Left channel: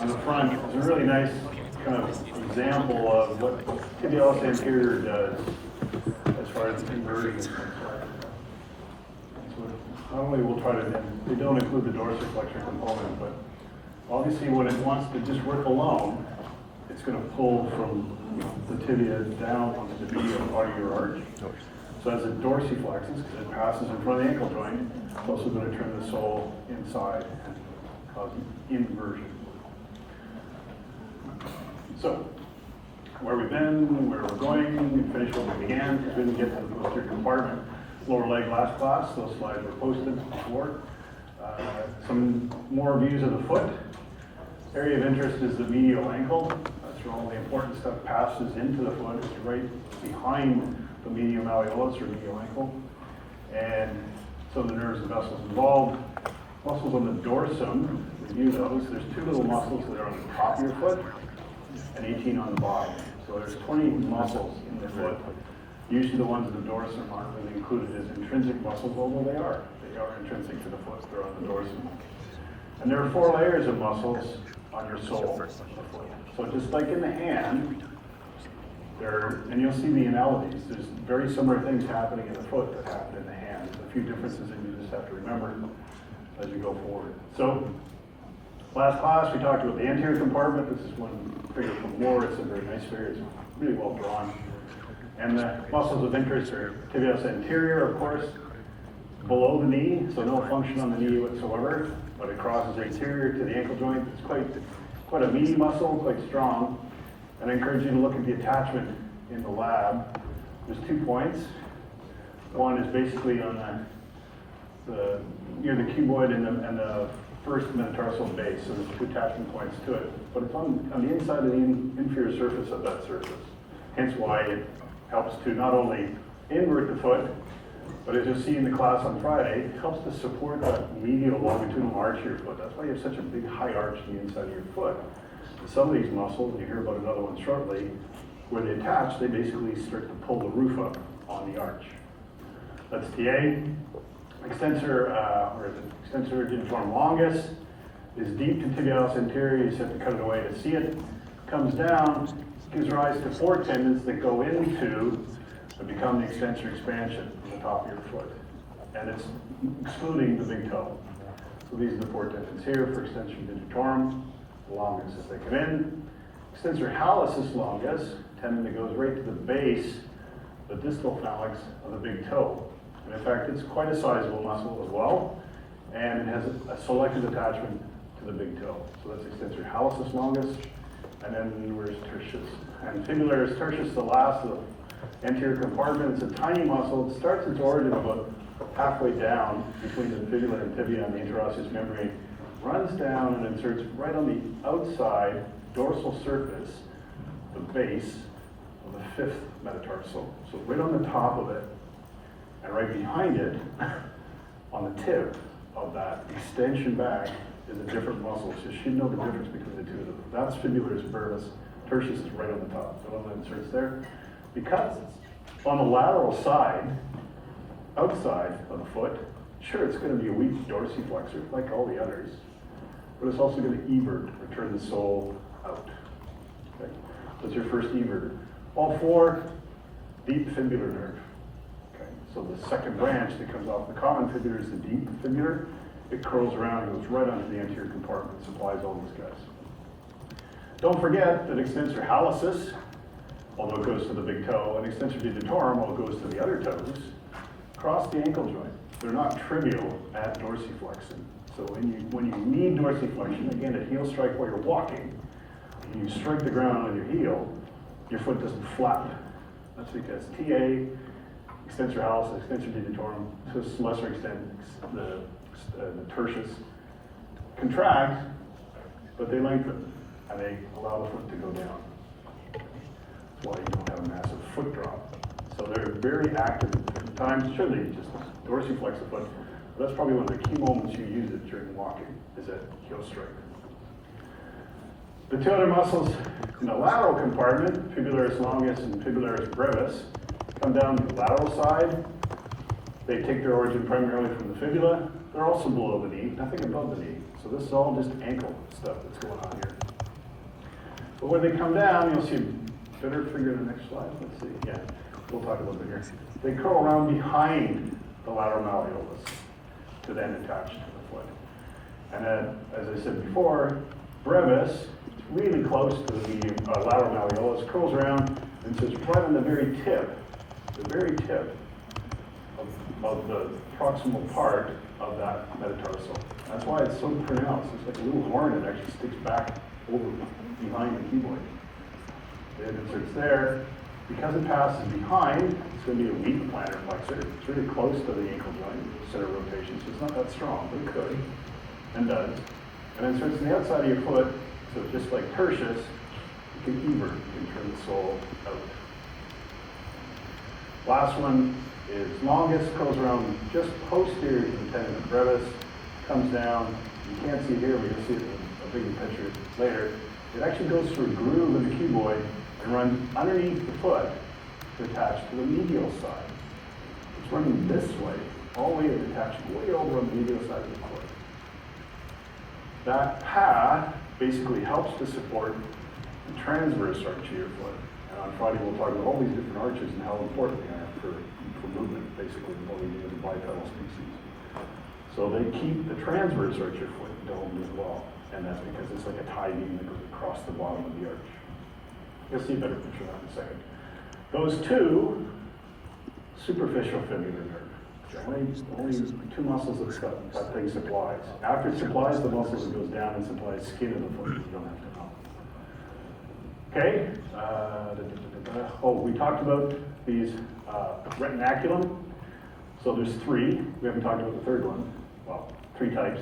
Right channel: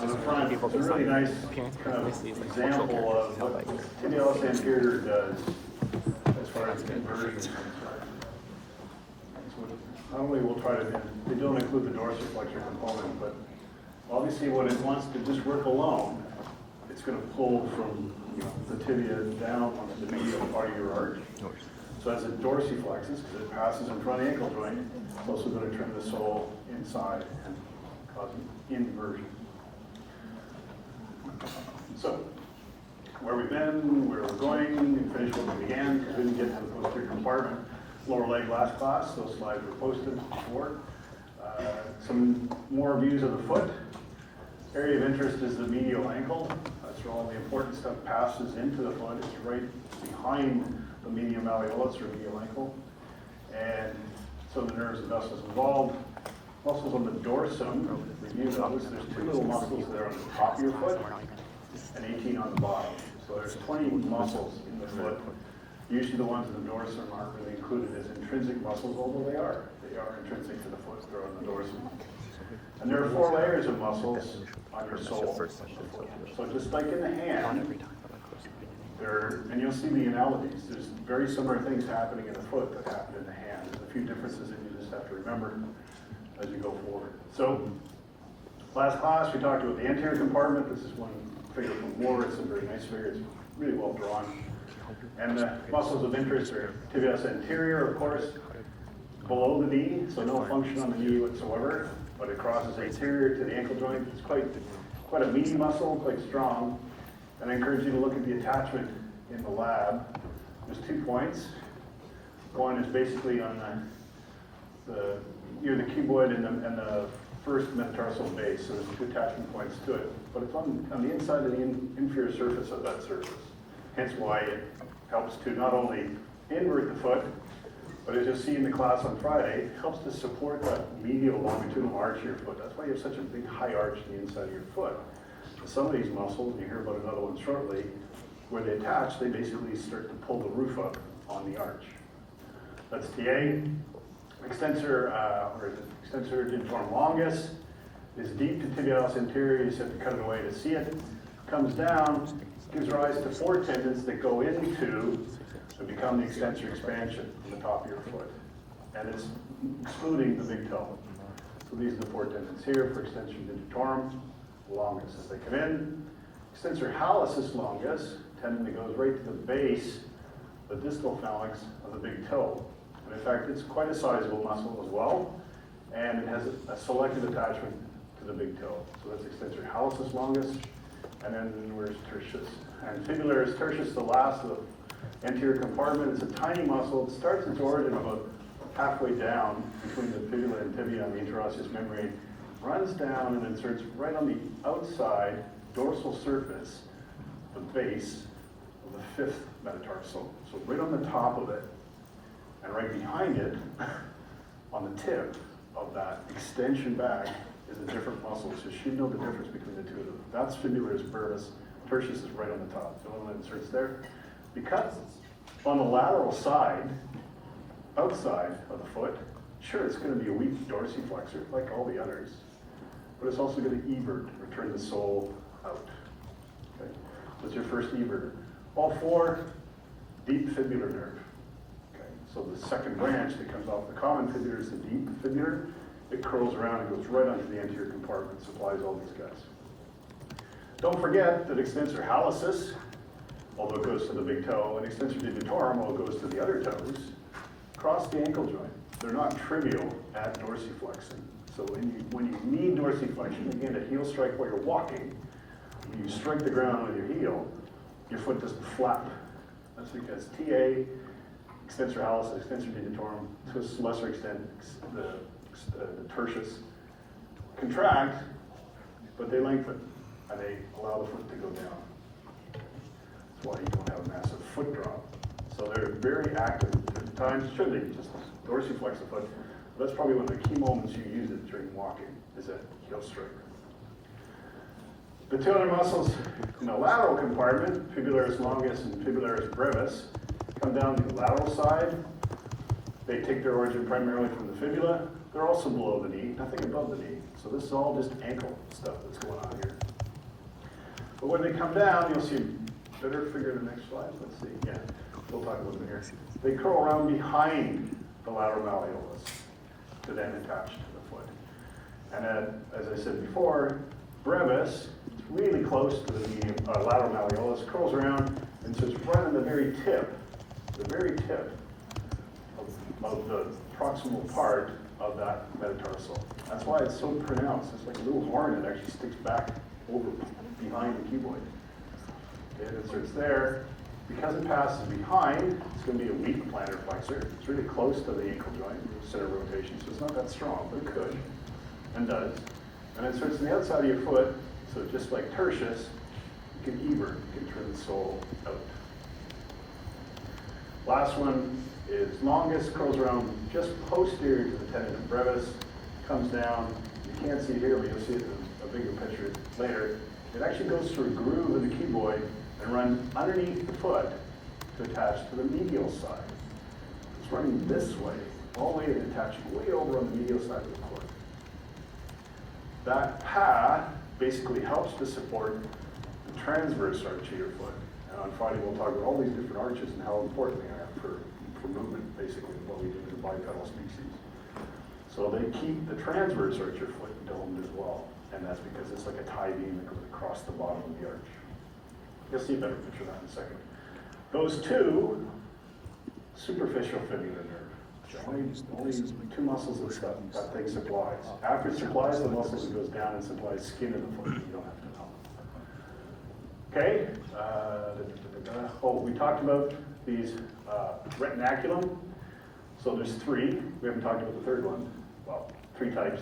on the front is a really nice kind of example of what tibialis anterior does as far as inversion is concerned. So not only we'll try to, they don't include the dorsiflexion component, but obviously when it wants to just work alone, it's going to pull from the tibia down onto the medial part of your arch. So as it dorsiflexes, because it passes in front of the ankle joint, it's also going to turn the sole inside and cause inversion. So, where we've been, where we're going, and finish what we began, because we didn't get to the posterior compartment. Lower leg last class, those slides were posted before. Some more views of the foot. Area of interest is the medial ankle. That's where all the important stuff passes into the foot. It's right behind the medial malleolus or medial ankle. And so the nerves and vessels involved. Muscles on the dorsum, you notice there's two little muscles that are on the top of your foot and 18 on the bottom. So there's 20 muscles in the foot. Usually the ones in the dorsum aren't really included as intrinsic muscles, although they are. They are intrinsic to the foot. They're on the dorsum. And there are 4 layers of muscles on your sole. So just like in the hand, and you'll see the analogies, there's very similar things happening in the foot that happen in the hand. There's a few differences that you just have to remember as we go forward. So, last class we talked about the anterior compartment. This is one figure from Moore. It's a very nice figure. It's really well drawn. And the muscles of interest are tibialis anterior, of course, below the knee, so no function on the knee whatsoever, but it crosses anterior to the ankle joint. It's quite a meaty muscle, quite strong. And I encourage you to look at the attachment in the lab. There's 2 points. One is basically on near the cuboid and the first metatarsal base, so there's 2 attachment points to it. But it's on the inside of the inferior surface of that surface. Hence why it helps to not only invert the foot, but as you'll see in the class on Friday, it helps to support that medial longitudinal arch of your foot. That's why you have such a big high arch on the inside of your foot. Some of these muscles, and you hear about another one shortly, where they attach, they basically start to pull the roof up on the arch. That's TA. Extensor digitorum longus is deep to tibialis anterior. You just have to cut it away to see it. Comes down, gives rise to 4 tendons that go into and become the extensor expansion on the top of your foot. And it's excluding the big toe. So these are the 4 tendons here for extensor digitorum longus as they come in. Extensor hallucis longus, tendon that goes right to the base, the distal phalanx of the big toe. And in fact, it's quite a sizable muscle as well, and it has a selected attachment to the big toe. So that's extensor hallucis longus, and then where's tertius? And fibularis tertius, the last of the anterior compartment. It's a tiny muscle. It starts its origin about halfway down between the fibula and tibia and the interosseous membrane, runs down and inserts right on the outside dorsal surface, the base of the 5th metatarsal. So right on the top of it, and right behind it, on the tip of that extension back, is a different muscle. So you should know the difference between the two of them. That's fibularis brevis. Tertius is right on the top. So that inserts there. Because on the lateral side, outside of the foot, sure, it's going to be a weak dorsiflexor like all the others, but it's also going to evert, or turn the sole out. Okay? That's your first everter. All 4, deep fibular nerve. Okay? So the second branch that comes off the common fibula is the deep fibular. It curls around and goes right onto the anterior compartment, supplies all these guys. Don't forget that extensor hallucis, although it goes to the big toe, and extensor digitorum, although it goes to the other toes, cross the ankle joint. They're not trivial at dorsiflexing. So when you need dorsiflexion, again, a heel strike while you're walking, when you strike the ground on your heel, your foot doesn't flap. That's because TA, extensor hallucis, extensor digitorum, to a lesser extent, the tertius, contract, but they lengthen, and they allow the foot to go down. That's why you don't have a massive foot drop. So they're very active at times. Should they just dorsiflex the foot? But that's probably one of the key moments you use it during walking, is that heel strike. The 2 other muscles in the lateral compartment, fibularis longus and fibularis brevis, come down the lateral side. They take their origin primarily from the fibula. They're also below the knee, nothing above the knee. So this is all just ankle stuff that's going on here. But when they come down, you'll see, better figure the next slide, let's see, yeah, we'll talk a little bit here. They curl around behind the lateral malleolus to then attach to the foot. And then, as I said before, brevis, it's really close to the medium, lateral malleolus, curls around, and so it's right on the very tip of the proximal part of that metatarsal. That's why it's so pronounced. It's like a little horn that actually sticks back over behind the cuboid. It inserts there. Because it passes behind, it's going to be a weak plantar flexor. It's really close to the ankle joint, center of rotation, so it's not that strong, but it could, and does. And then inserts on the outside of your foot, so just like tertius, you can evert, you can turn the sole out. Last one is longus, curls around just posterior to the tendon of brevis, comes down. You can't see here, but you'll see it in a bigger picture later. It actually goes through a groove in the cuboid and runs underneath the foot to attach to the medial side. It's running this way, all the way and attaching way over on the medial side of the foot. That path basically helps to support the transverse arch of your foot. And on Friday we'll talk about all these different arches and how important they are for movement, basically, what we do in the bipedal species. So they keep the transverse arch of your foot domed as well. And that's because it's like a tie beam that goes across the bottom of the arch. You'll see a better picture of that in a second. Those two, superficial fibular nerve. Only two muscles that thing supplies. After it supplies the muscles, it goes down and supplies skin in the foot. You don't have to know. Okay. Oh, we talked about these retinaculum. So there's three. We haven't talked about the third one. Well, three types.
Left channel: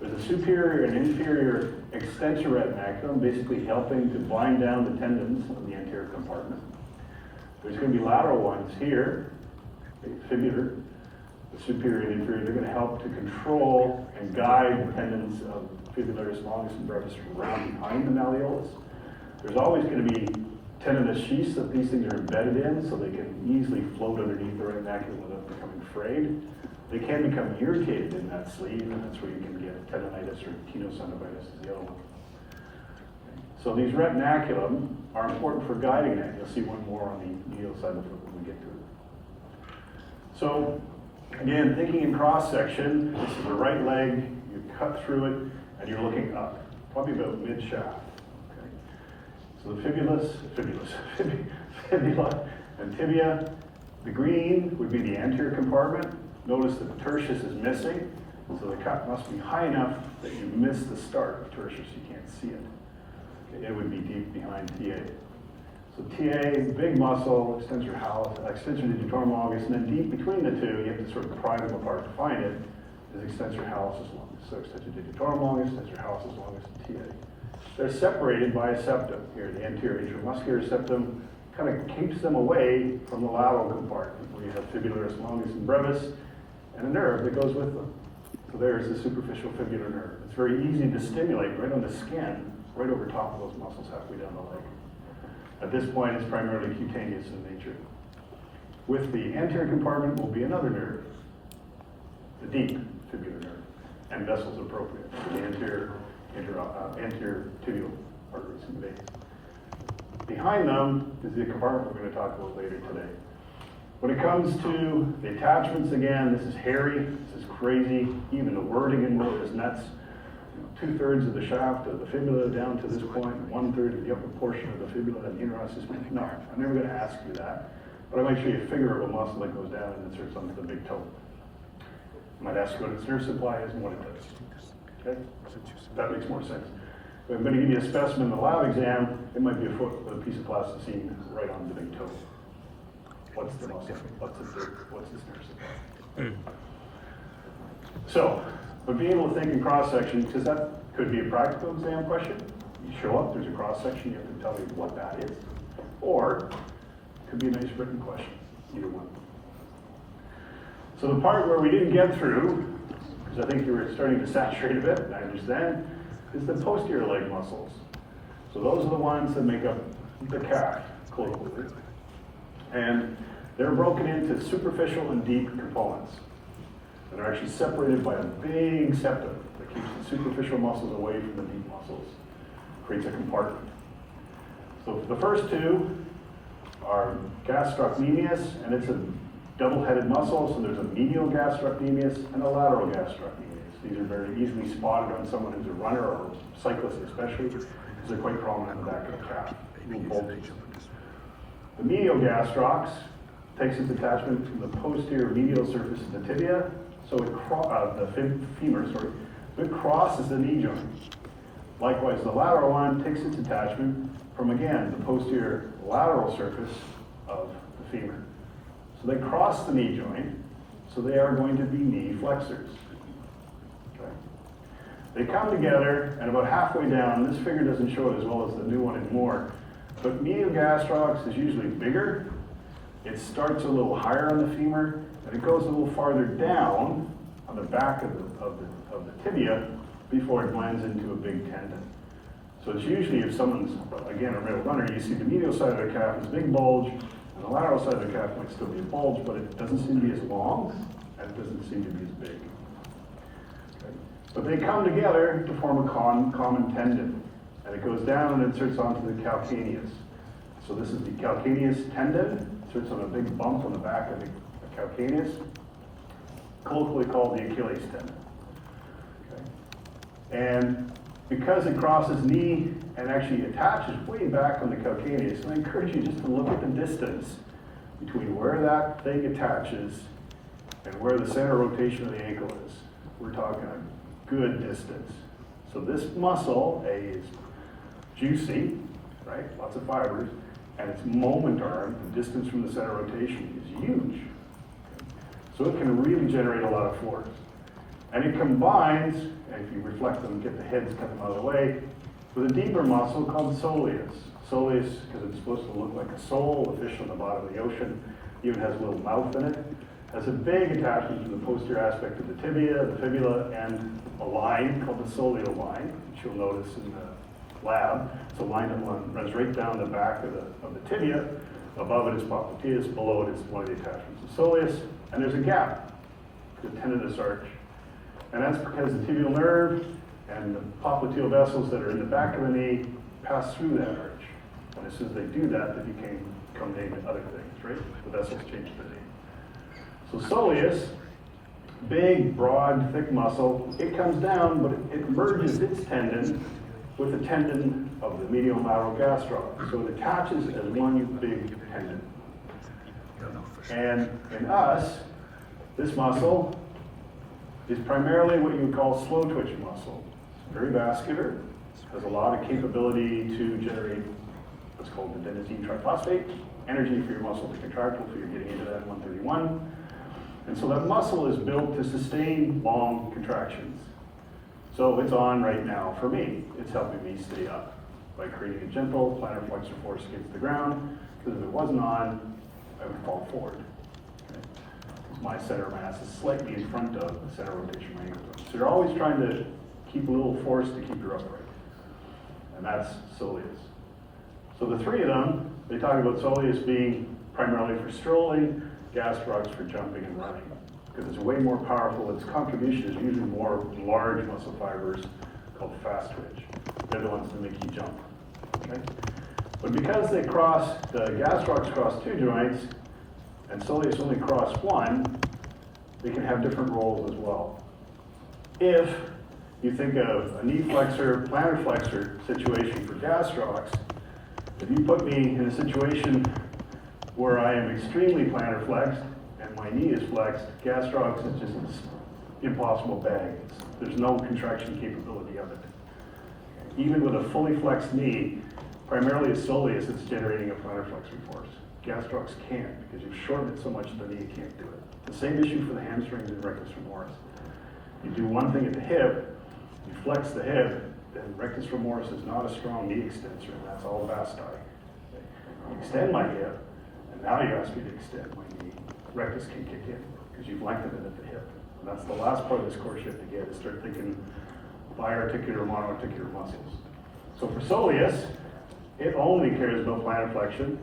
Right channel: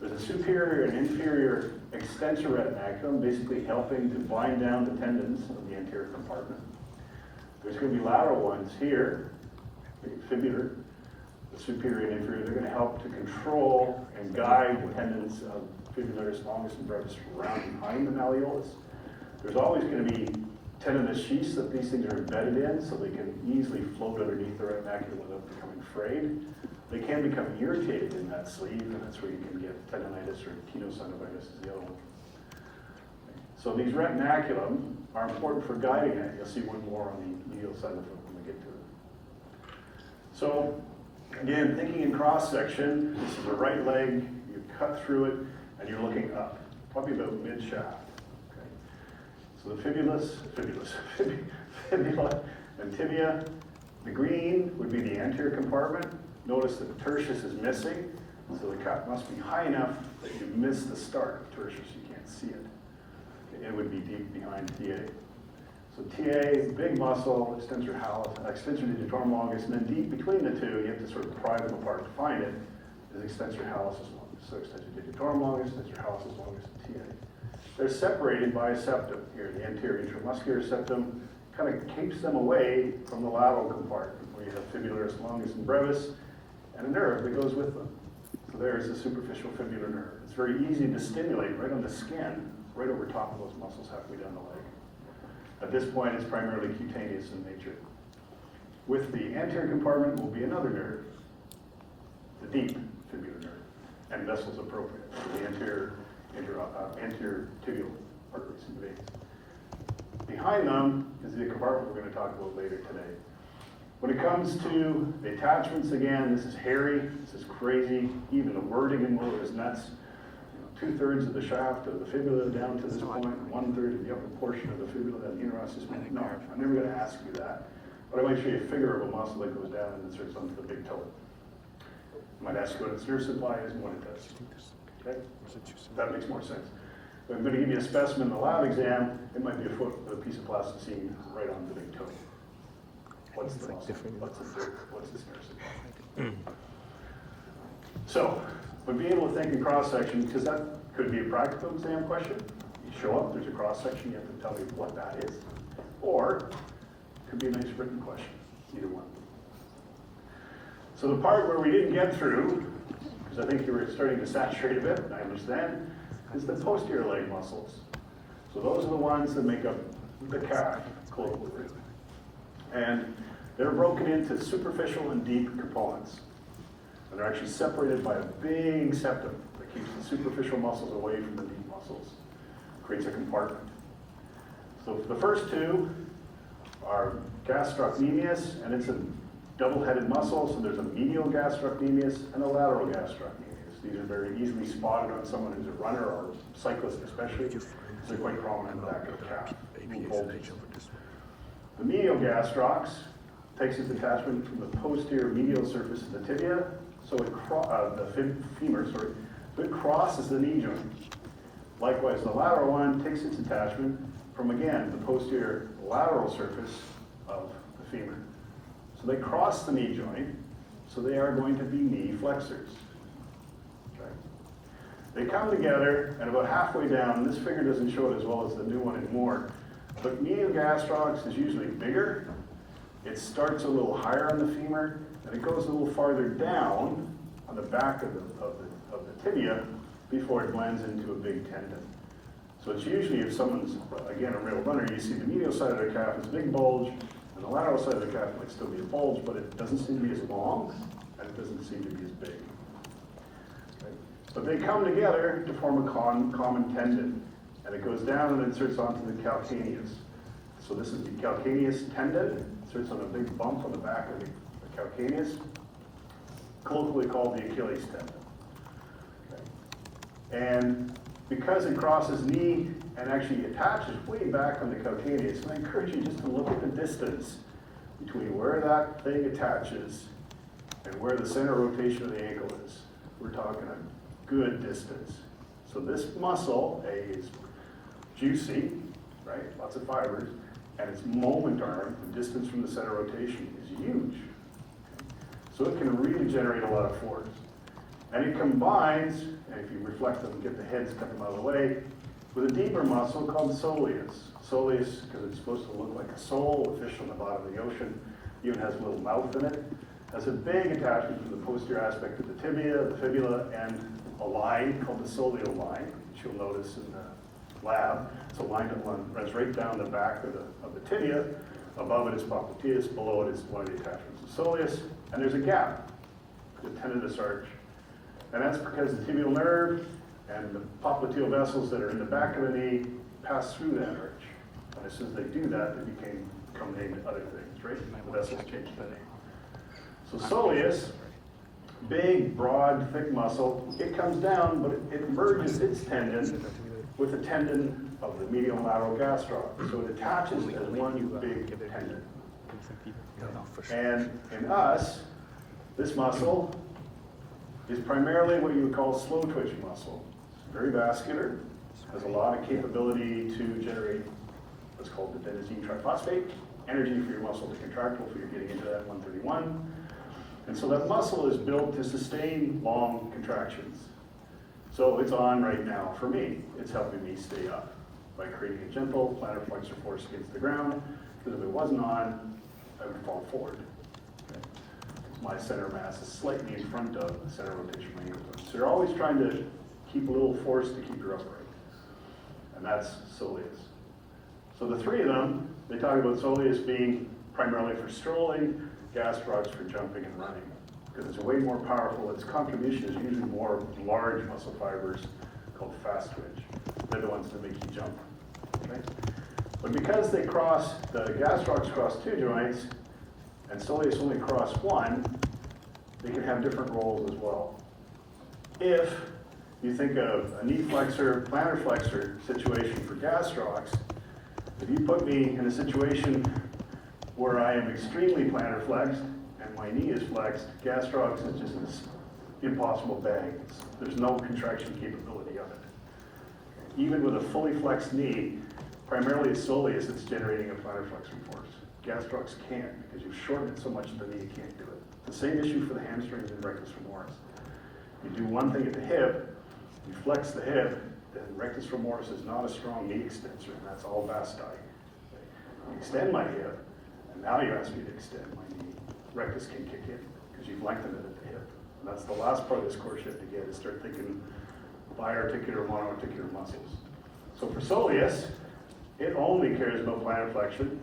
There's a superior and inferior extensor retinaculum, basically helping to bind down the tendons of the anterior compartment. There's going to be lateral ones here, fibular, the superior and inferior. They're going to help to control and guide the tendons of fibularis longus and brevis around behind the malleolus. There's always going to be tendinous sheaths that these things are embedded in, so they can easily float underneath the retinaculum without becoming frayed. They can become irritated in that sleeve, and that's where you can get tendonitis or tenosynovitis is the other one. So these retinaculum are important for guiding it. You'll see one more on the medial side of the foot when we get to it. So again, thinking in cross section, this is the right leg, you cut through it, and you're looking up, probably about mid-shaft. Okay. So the fibula and tibia. The green would be the anterior compartment. Notice that the tertius is missing, so the cut must be high enough that you miss the start of tertius, you can't see it. Okay, it would be deep behind TA. So TA, big muscle, extensor digitorum longus, and then deep between the two, you have to sort of pry them apart to find it, is extensor hallucis longus. So extensor digitorum longus, extensor hallucis longus, and TA. They're separated by a septum here, the anterior intramuscular septum, kind of keeps them away from the lateral compartment, where you have fibularis longus and brevis, and a nerve that goes with them. So there's the superficial fibular nerve. It's very easy to stimulate right on the skin, right over top of those muscles halfway down the leg. At this point, it's primarily cutaneous in nature. With the anterior compartment will be another nerve, the deep fibular nerve, and vessels appropriate for the anterior tibial arteries and veins. Behind them is the compartment we're going to talk about later today. When it comes to the attachments, again, this is hairy, this is crazy. Even the wording in it is nuts. 2/3 of the shaft of the fibula down to this point, 1/3 of the upper portion of the fibula and the interosseous. No, I'm never going to ask you that. But I might show you a figure of a muscle that goes down and inserts onto the big toe. I might ask you what its nerve supply is and what it does. Okay? That makes more sense. If I'm going to give you a specimen in the lab exam, it might be a foot with a piece of plasticine right on the big toe. What's the muscle? What's its nerve supply? So, but being able to think in cross section, because that could be a practical exam question. You show up, there's a cross section, you have to tell me what that is. Or it could be a nice written question, either one. So the part where we didn't get through, because I think you were starting to saturate a bit, I understand, is the posterior leg muscles. So those are the ones that make up the calf, colloquially. And they're broken into superficial and deep components. And they're actually separated by a big septum that keeps the superficial muscles away from the deep muscles. Creates a compartment. So the first two are gastrocnemius, and it's a double-headed muscle, so there's a medial gastrocnemius and a lateral gastrocnemius. These are very easily spotted on someone who's a runner or a cyclist especially, because they're quite common in the back of the calf. The medial gastrocs takes its attachment from the posterior medial surface of the tibia, so the femur, so it crosses the knee joint. Likewise, the lateral one takes its attachment from, again, the posterior lateral surface of the femur. So they cross the knee joint, so they are going to be knee flexors. Okay. They come together, and about halfway down, this figure doesn't show it as well as the new one anymore, but medial gastrocs is usually bigger. It starts a little higher on the femur, and it goes a little farther down on the back of the tibia before it blends into a big tendon. So it's usually, if someone's, again, a real runner, you see the medial side of the calf is a big bulge, and the lateral side of the calf might still be a bulge, but it doesn't seem to be as long, and it doesn't seem to be as big. Okay. But they come together to form a common tendon, and it goes down and inserts onto the calcaneus. So this is the calcaneus tendon, inserts on a big bump on the back of the calcaneus, colloquially called the Achilles tendon. Okay. And because it crosses knee and actually attaches way back on the calcaneus, and I encourage you just to look at the distance between where that thing attaches and where the center rotation of the ankle is. We're talking a good distance. So this muscle, is juicy, right? Lots of fibers, and its moment arm, the distance from the center rotation, is huge. So it can really generate a lot of force. And it combines, and if you reflect them, get the heads coming out of the way, with a deeper muscle called soleus. Soleus, because it's supposed to look like a sole, a fish on the bottom of the ocean, even has a little mouth in it, has a big attachment to the posterior aspect of the tibia, the fibula, and a line called the soleal line, which you'll notice in the lab. It's a line that runs right down the back of the tibia. Above it is popliteus, below it is one of the attachments of soleus, and there's a gap, the tendinous arch. And that's because the tibial nerve and the popliteal vessels that are in the back of the knee pass through that arch. And as soon as they do that, they become named other things, right? The vessels change the name. So soleus, big, broad, thick muscle, it comes down, but it merges its tendon with the tendon of the medial and lateral gastroc. So it attaches as one big tendon. And in us, this muscle is primarily what you would call slow twitch muscle. It's very vascular, has a lot of capability to generate what's called the adenosine triphosphate, energy for your muscle to contract, hopefully you're getting into that 131. And so that muscle is built to sustain long contractions. So it's on right now for me. It's helping me stay up by creating a gentle plantar flexor force against the ground, because if it wasn't on, I would fall forward. Okay. My center mass is slightly in front of the center rotation of my ankle. So you're always trying to keep a little force to keep your upright. And that's soleus. So the three of them, they talk about soleus being primarily for strolling, gastrocs for jumping and running, because it's way more powerful. Its contribution is usually more large muscle fibers called fast twitch. They're the ones that make you jump. Okay? But because they cross, the gastrocs cross two joints, and soleus only cross one, they can have different roles as well. If you think of a knee flexor, plantar flexor situation for gastrocs, if you put me in a situation where I am extremely plantar flexed and my knee is flexed, gastrocs is just an impossible bag. There's no contraction capability of it. Even with a fully flexed knee, primarily it's soleus that's generating a plantar flexor force. Gastrocs can't, because you've shortened it so much the knee can't do it. The same issue for the hamstrings and rectus femoris. You do one thing at the hip, you flex the hip, then rectus femoris is not a strong knee extensor, and that's all vasti. Okay? You extend my hip, and now you ask me to extend my knee. Rectus can kick in, because you've lengthened it at the hip. And that's the last part of this course you have to get, is start thinking biarticular, monoarticular muscles. So for soleus, it only cares about plantar flexion.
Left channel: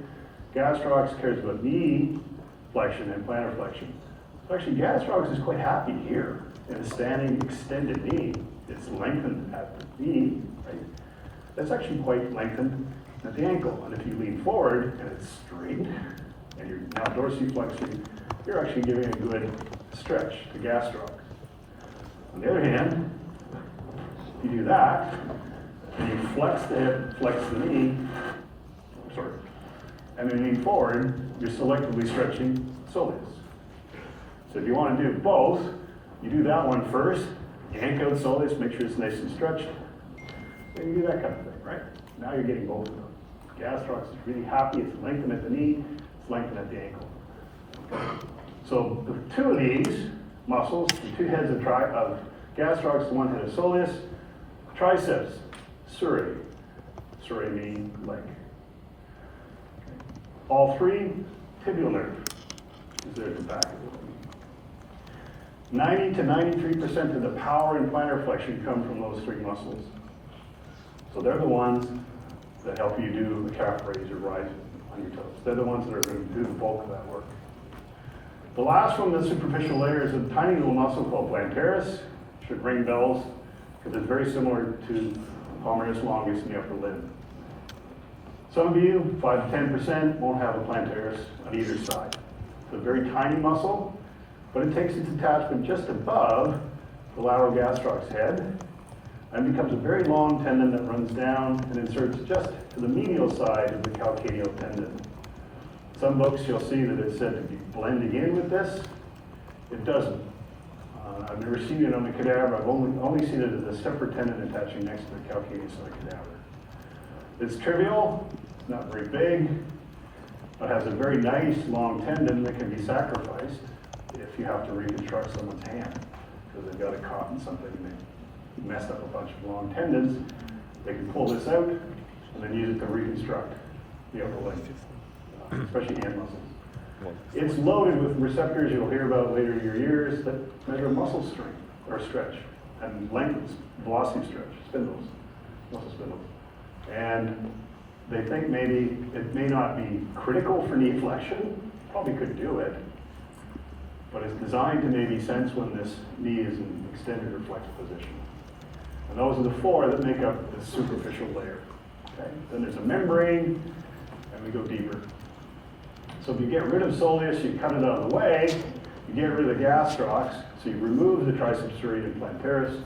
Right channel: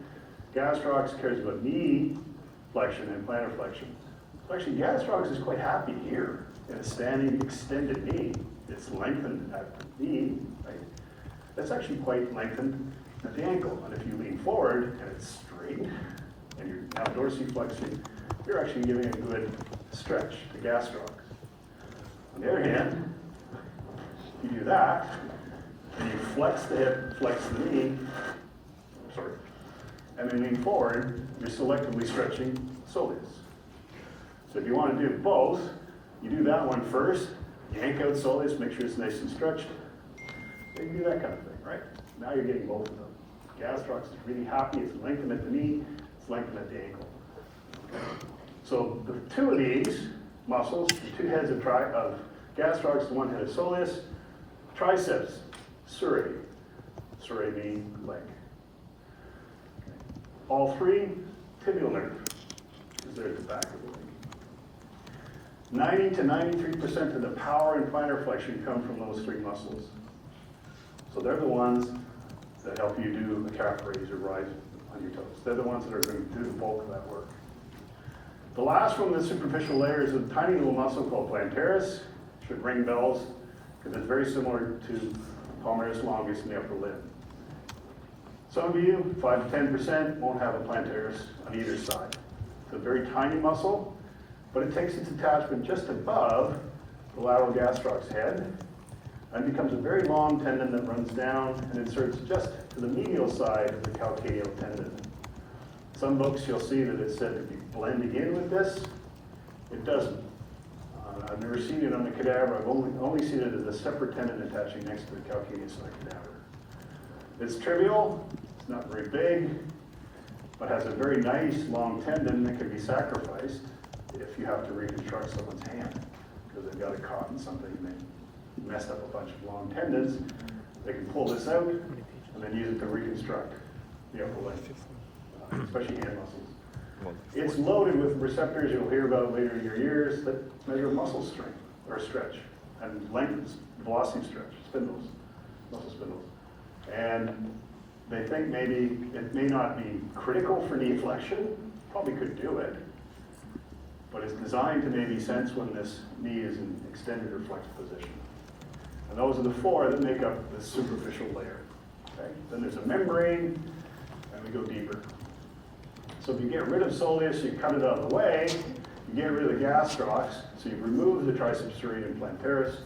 Gastrocs cares about knee flexion and plantar flexion. So actually gastrocs is quite happy here in a standing extended knee. It's lengthened at the knee, right? that's actually quite lengthened at the ankle. And if you lean forward and it's straight, and you're now dorsiflexing, you're actually giving a good stretch to gastrocs. On the other hand, you do that, and you flex the hip, flex the knee, and then lean forward, you're selectively stretching soleus. So if you want to do both, you do that one first, yank out soleus, make sure it's nice and stretched, and you do that kind of thing, right? Now you're getting both of them. Gastrocs is really happy, it's lengthened at the knee, it's lengthened at the ankle. Okay. So the two of these muscles, the two heads of gastrocs, the one head of soleus, triceps, surae meaning leg. Okay. All three, tibial nerve is there at the back of the leg. 90 to 93% of the power and plantar flexion come from those three muscles. So they're the ones that help you do a calf raise or rise on your toes. They're the ones that are going to do the bulk of that work. The last one, the superficial layer, is a tiny little muscle called plantaris. Should ring bells because it's very similar to palmaris longus in the upper limb. Some of you, 5 to 10%, won't have a plantaris on either side. It's a very tiny muscle, but it takes its attachment just above the lateral gastrocs head and becomes a very long tendon that runs down and inserts just to the medial side of the calcaneal tendon. Some books you'll see that it's said to be blending in with this. It doesn't. I've never seen it on the cadaver. I've only seen it as a separate tendon attaching next to the calcaneus of the cadaver. It's trivial, it's not very big, but has a very nice long tendon that can be sacrificed if you have to reconstruct someone's hand because they've got it caught in something and they messed up a bunch of long tendons. They can pull this out and then use it to reconstruct the upper leg, especially hand muscles. It's loaded with receptors you'll hear about later in your years that measure muscle strength or stretch and length, velocity stretch, spindles, muscle spindles. And they think maybe it may not be critical for knee flexion, probably could do it, but it's designed to maybe sense when this knee is in extended or flexed position. And those are the four that make up the superficial layer. Okay? Then there's a membrane, and we go deeper. So if you get rid of soleus, you cut it out of the way, you get rid of the gastrocs, so you remove the triceps surae and plantaris.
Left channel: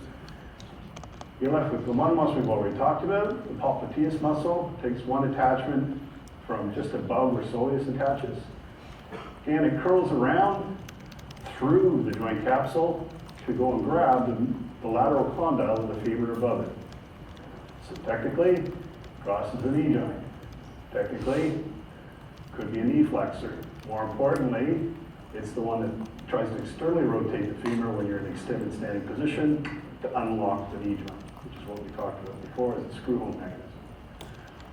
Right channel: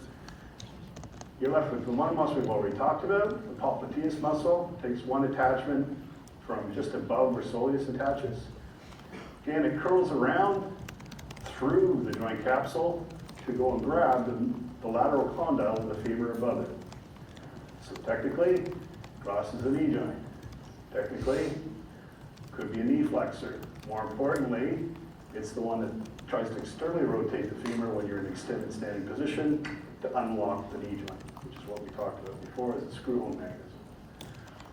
You're left with the one muscle we've already talked about, the popliteus muscle. Takes one attachment from just above where soleus attaches. Again, it curls around through the joint capsule to go and grab the lateral condyle of the femur above it. So technically, crosses the knee joint. Technically, could be a knee flexor. More importantly, it's the one that tries to externally rotate the femur when you're in extended standing position to unlock the knee joint, which is what we talked about before as a screw-home mechanism.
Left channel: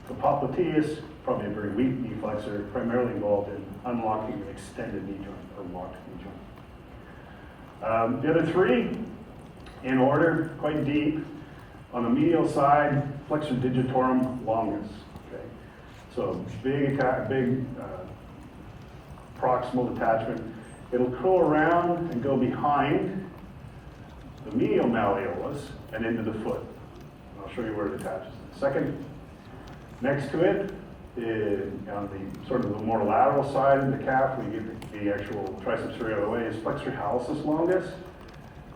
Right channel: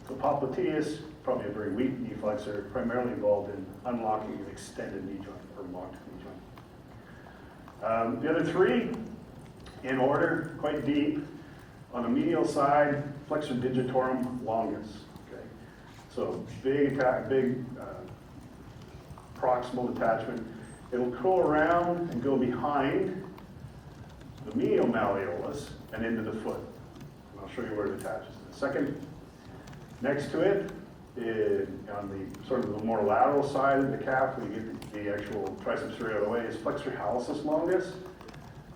So popliteus, probably a very weak knee flexor, primarily involved in unlocking an extended knee joint or locked knee joint. The other three, in order, quite deep. On the medial side, flexor digitorum longus. Okay, so big proximal attachment. It'll curl around and go behind the medial malleolus and into the foot. I'll show you where it attaches in a second. Next to it, on the sort of the more lateral side of the calf, we get the actual triceps surae out of the way, is flexor hallucis longus.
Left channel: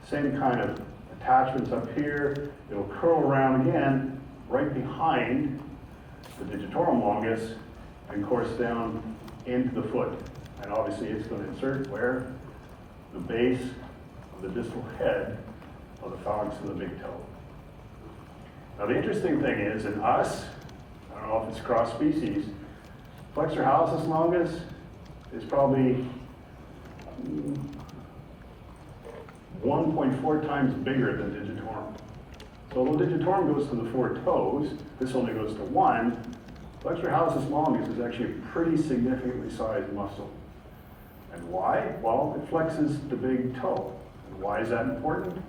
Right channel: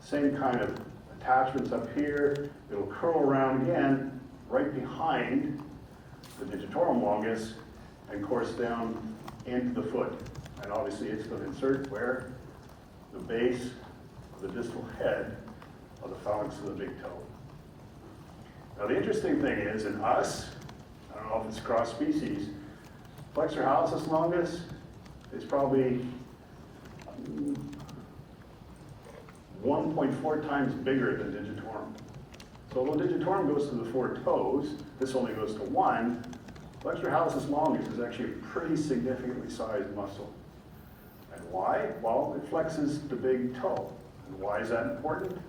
Same kind of attachments up here. It'll curl around again right behind the digitorum longus and course down into the foot. And obviously it's going to insert where? The base of the distal head of the phalanx of the big toe. Now the interesting thing is, in us, I don't know if it's cross species, flexor hallucis longus is probably 1.4 times bigger than digitorum. So although digitorum goes to the 4 toes, this only goes to 1. Flexor hallucis longus is actually a pretty significantly sized muscle. And why? Well, it flexes the big toe. And why is that important?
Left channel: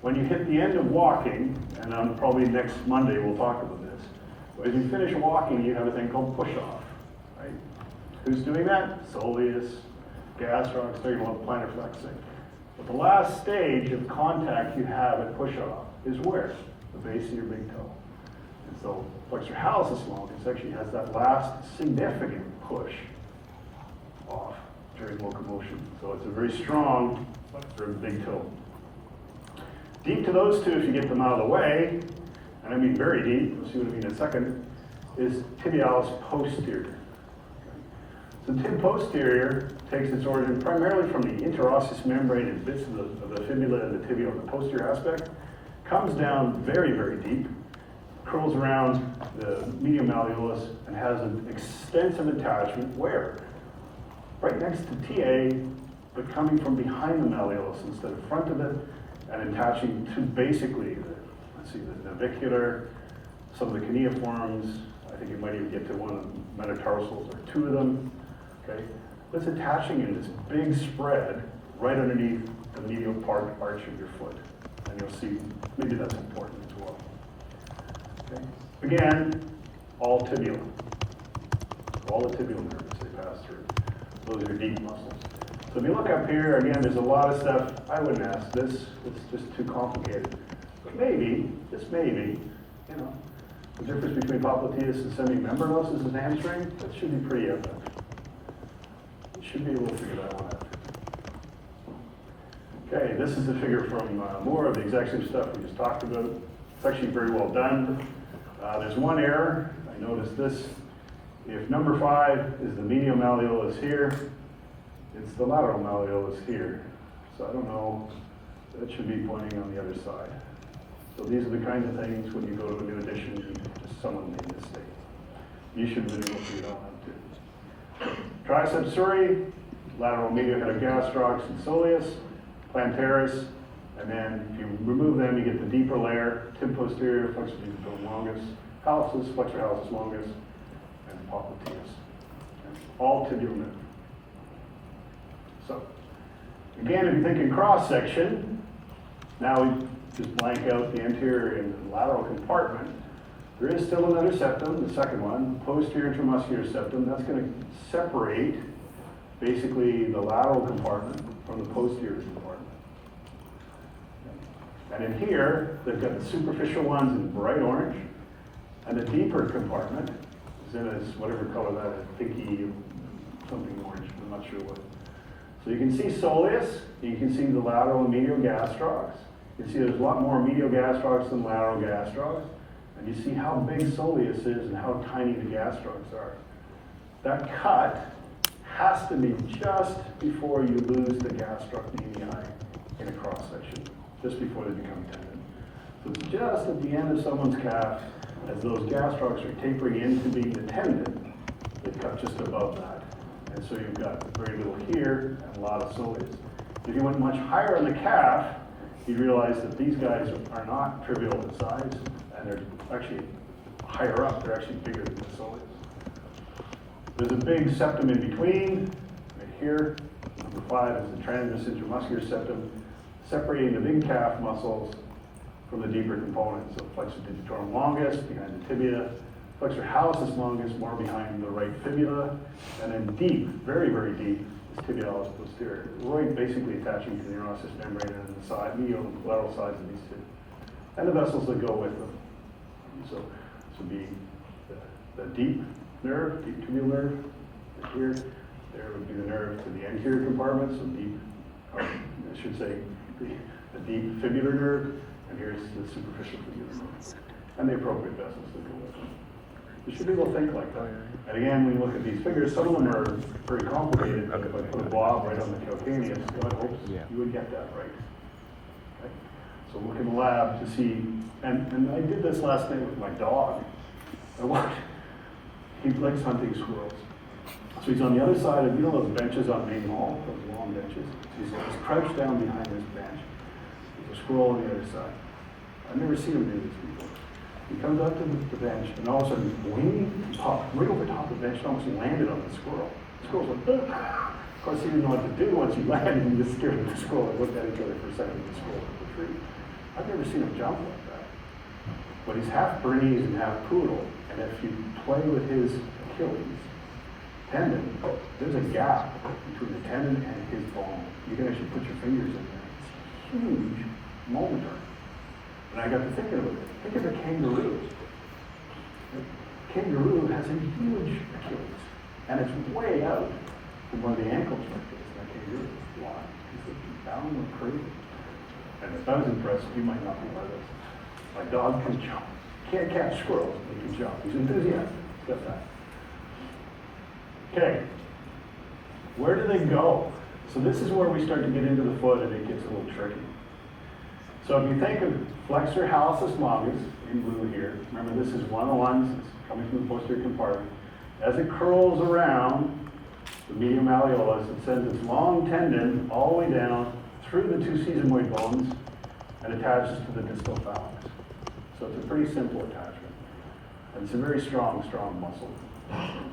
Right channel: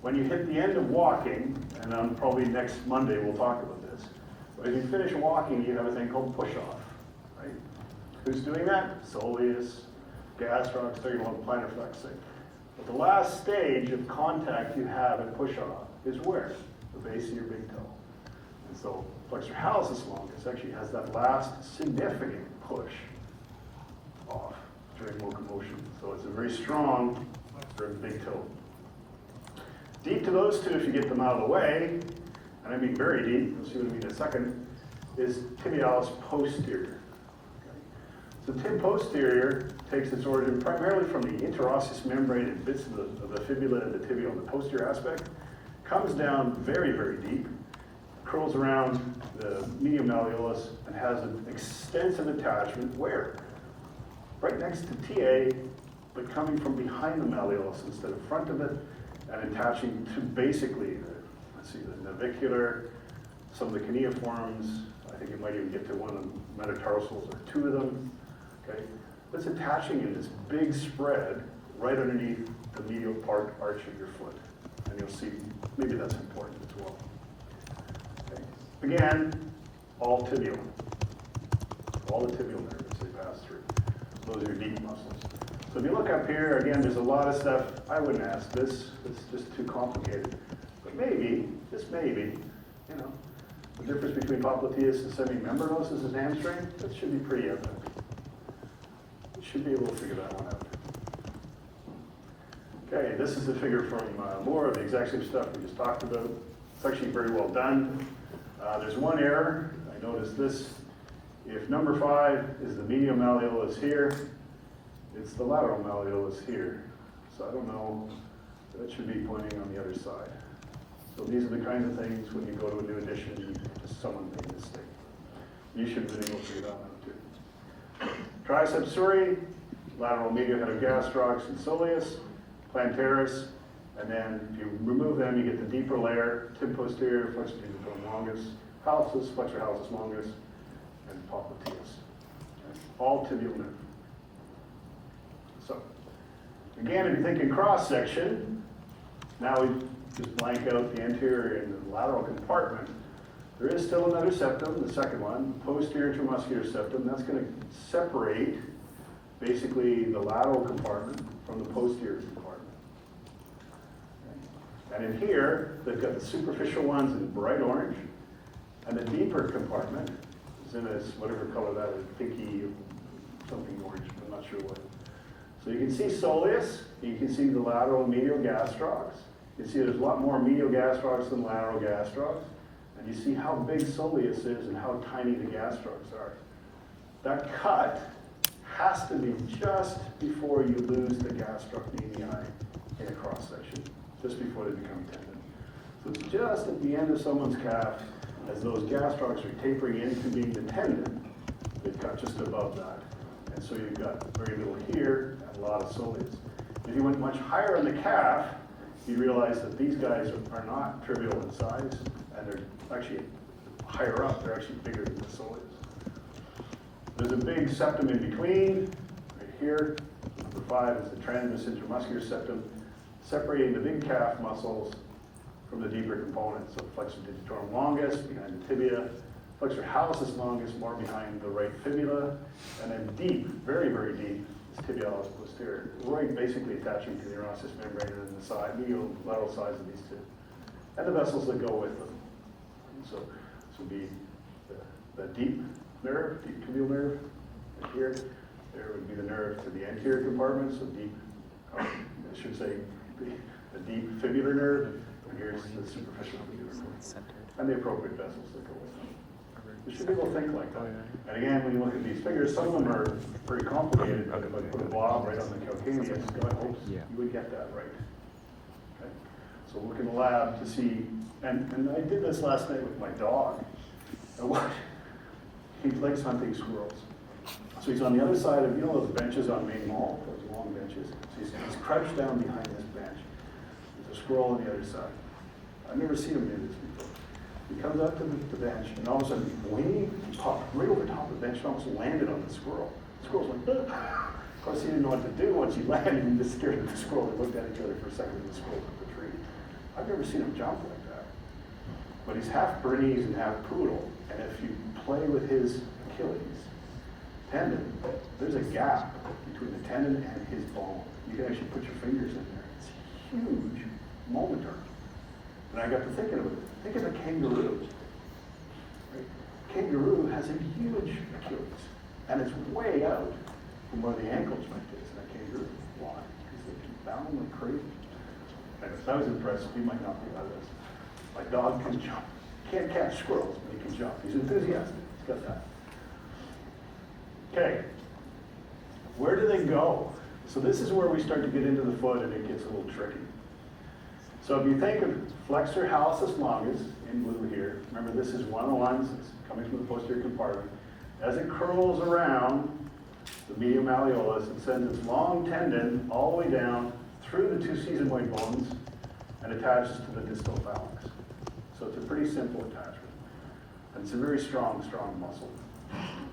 When you hit the end of walking, and on probably next Monday we'll talk about this, as you finish walking, you have a thing called push-off, right? Who's doing that? Soleus, gastrocs, talking about plantar flexing. But the last stage of contact you have at push-off is where? The base of your big toe. And So flexor hallucis longus actually has that last significant push off during locomotion. So it's a very strong flexor of the big toe. Deep to those two, if you get them out of the way, and I mean very deep, we'll see what I mean in a second, is tibialis posterior. So tib posterior takes its origin primarily from the interosseous membrane and bits of the fibula and the tibia on the posterior aspect, comes down very, very deep, curls around the medial malleolus, and has an extensive attachment where? Right next to TA, but coming from behind the malleolus instead of front of it, and attaching to basically, let's see, the navicular, some of the cuneiforms. I think you might even get to one of the metatarsals, or two of them. Okay, it's attaching in this big spread right underneath the medial part arch of your foot, and you'll see maybe that's important as well. Okay. Again, all tibial, all the tibial nerves they pass through. Those are your deep muscles. So if you look up here, again, there's a lot of stuff. I wouldn't ask this, it's just too complicated. But maybe, just maybe, you know, the difference between popliteus and semimembranous is hamstring, that should be pretty evident. You should be able to figure that one out. Okay, this is the figure from more of the exact same stuff we just talked about. It's actually very well done. There's one error. I noticed this. If number 5 is the medial malleolus here, it's the lateral malleolus here. So I don't know, that should be pointing on the other side. So these are the kinds of things when you go to a new edition, just someone made a mistake. You should have been able to figure it out too. Triceps suri, lateral medial head of gastrocs and soleus, plantaris, and then if you remove them, you get the deeper layer, tib posterior, flexor digitorum longus, hallucis, flexor hallucis longus, and popliteus. Okay. All tibial nerve. So, again, if you think in cross section, now we just blank out the anterior and the lateral compartment. There is still another septum, the second one, posterior intramuscular septum. That's going to separate basically the lateral compartment from the posterior compartment. And in here, they've got the superficial ones in bright orange, and the deeper compartment is in this, whatever color that is, pinky, something orange, I'm not sure what. So you can see soleus, you can see the lateral and medial gastrocs. You can see there's a lot more medial gastrocs than lateral gastrocs. And you see how big soleus is and how tiny the gastrocs are. That cut has to be just before you lose the gastrocnemi in a cross section, just before they become tendon. So it's just at the end of someone's calf, as those gastrocs are tapering into being the tendon, they cut just above that. And so you've got very little here and a lot of soleus. If you went much higher in the calf, you realize that these guys are not trivial in size, and they're actually higher up, they're actually bigger than the soleus. There's a big septum in between, right here. Number 5 is the transverse intramuscular septum, separating the big calf muscles from the deeper components. So flexor digitorum longus, behind the tibia, flexor hallucis longus, more behind the right fibula, and then deep, very, very deep, is tibialis posterior. Right, basically attaching to the interosseous membrane and the side, medial lateral sides of these two. And the vessels that go with them. So this would be the deep nerve, deep tibial nerve, right here. There would be the nerve to the anterior compartment, so deep, or I should say, the deep fibular nerve, and here's the superficial fibular nerve. And the appropriate vessels that go with them. You should be able to think like that. And again, when you look at these figures, some of them are very complicated, but if I put a blob right on the calcaneus, God hopes you would get that right. Okay? So look in the lab to see, and I did this last night with my dog. He likes hunting squirrels. So he's on the other side of, you know those benches on Main Mall, those long benches? So he's crouched down behind this bench. There's a squirrel on the other side. I've never seen him do this before. He comes up to the bench, and all of a sudden, he popped right over top of the bench and almost landed on the squirrel. The squirrel's like, ugh. Of course, he didn't know what to do once he landed, and he just scared the squirrel and looked at each other for a second, and the squirrel up the tree. I've never seen him jump like that. But he's half Bernese and half poodle, and if you play with his Achilles tendon, there's a gap between the tendon and his bone. You can actually put your fingers in there. It's huge momentary. And I got to thinking of it. Think of a kangaroo. Kangaroo has a huge Achilles, and it's way out from where the ankle joint is. That kangaroo, why? Because they can bound like crazy. And if I was impressed, he might not be like this. My dog can jump. Can't catch squirrels, but he can jump. He's enthusiastic. He's got that. Okay. Where do they go? So this is where we start to get into the foot and it gets a little tricky. So if you think of flexor hallucis longus in blue here, remember this is one of the ones that's coming from the posterior compartment. As it curls around the medial malleolus, it sends its long tendon all the way down through the two sesamoid bones and attaches to the distal phalanx. So it's a pretty simple attachment. And it's a very strong muscle.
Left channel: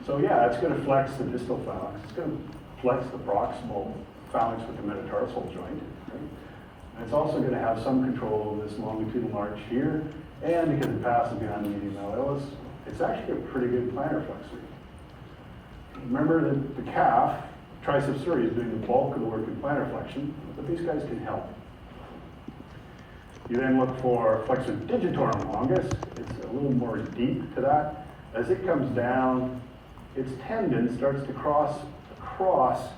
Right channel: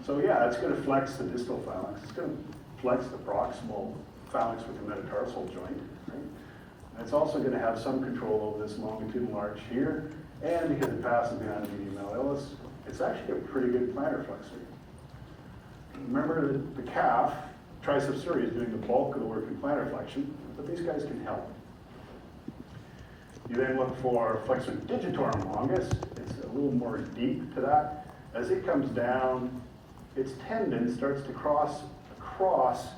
So yeah, it's going to flex the distal phalanx. It's going to flex the proximal phalanx with the metatarsal joint. Right? And it's also going to have some control over this longitudinal arch here. And because it passes behind the medial malleolus, it's actually a pretty good plantar flexor. Remember that the calf, triceps suri, is doing the bulk of the work in plantar flexion, but these guys can help. You then look for flexor digitorum longus. It's a little more deep to that. As it comes down, its tendon starts to cross across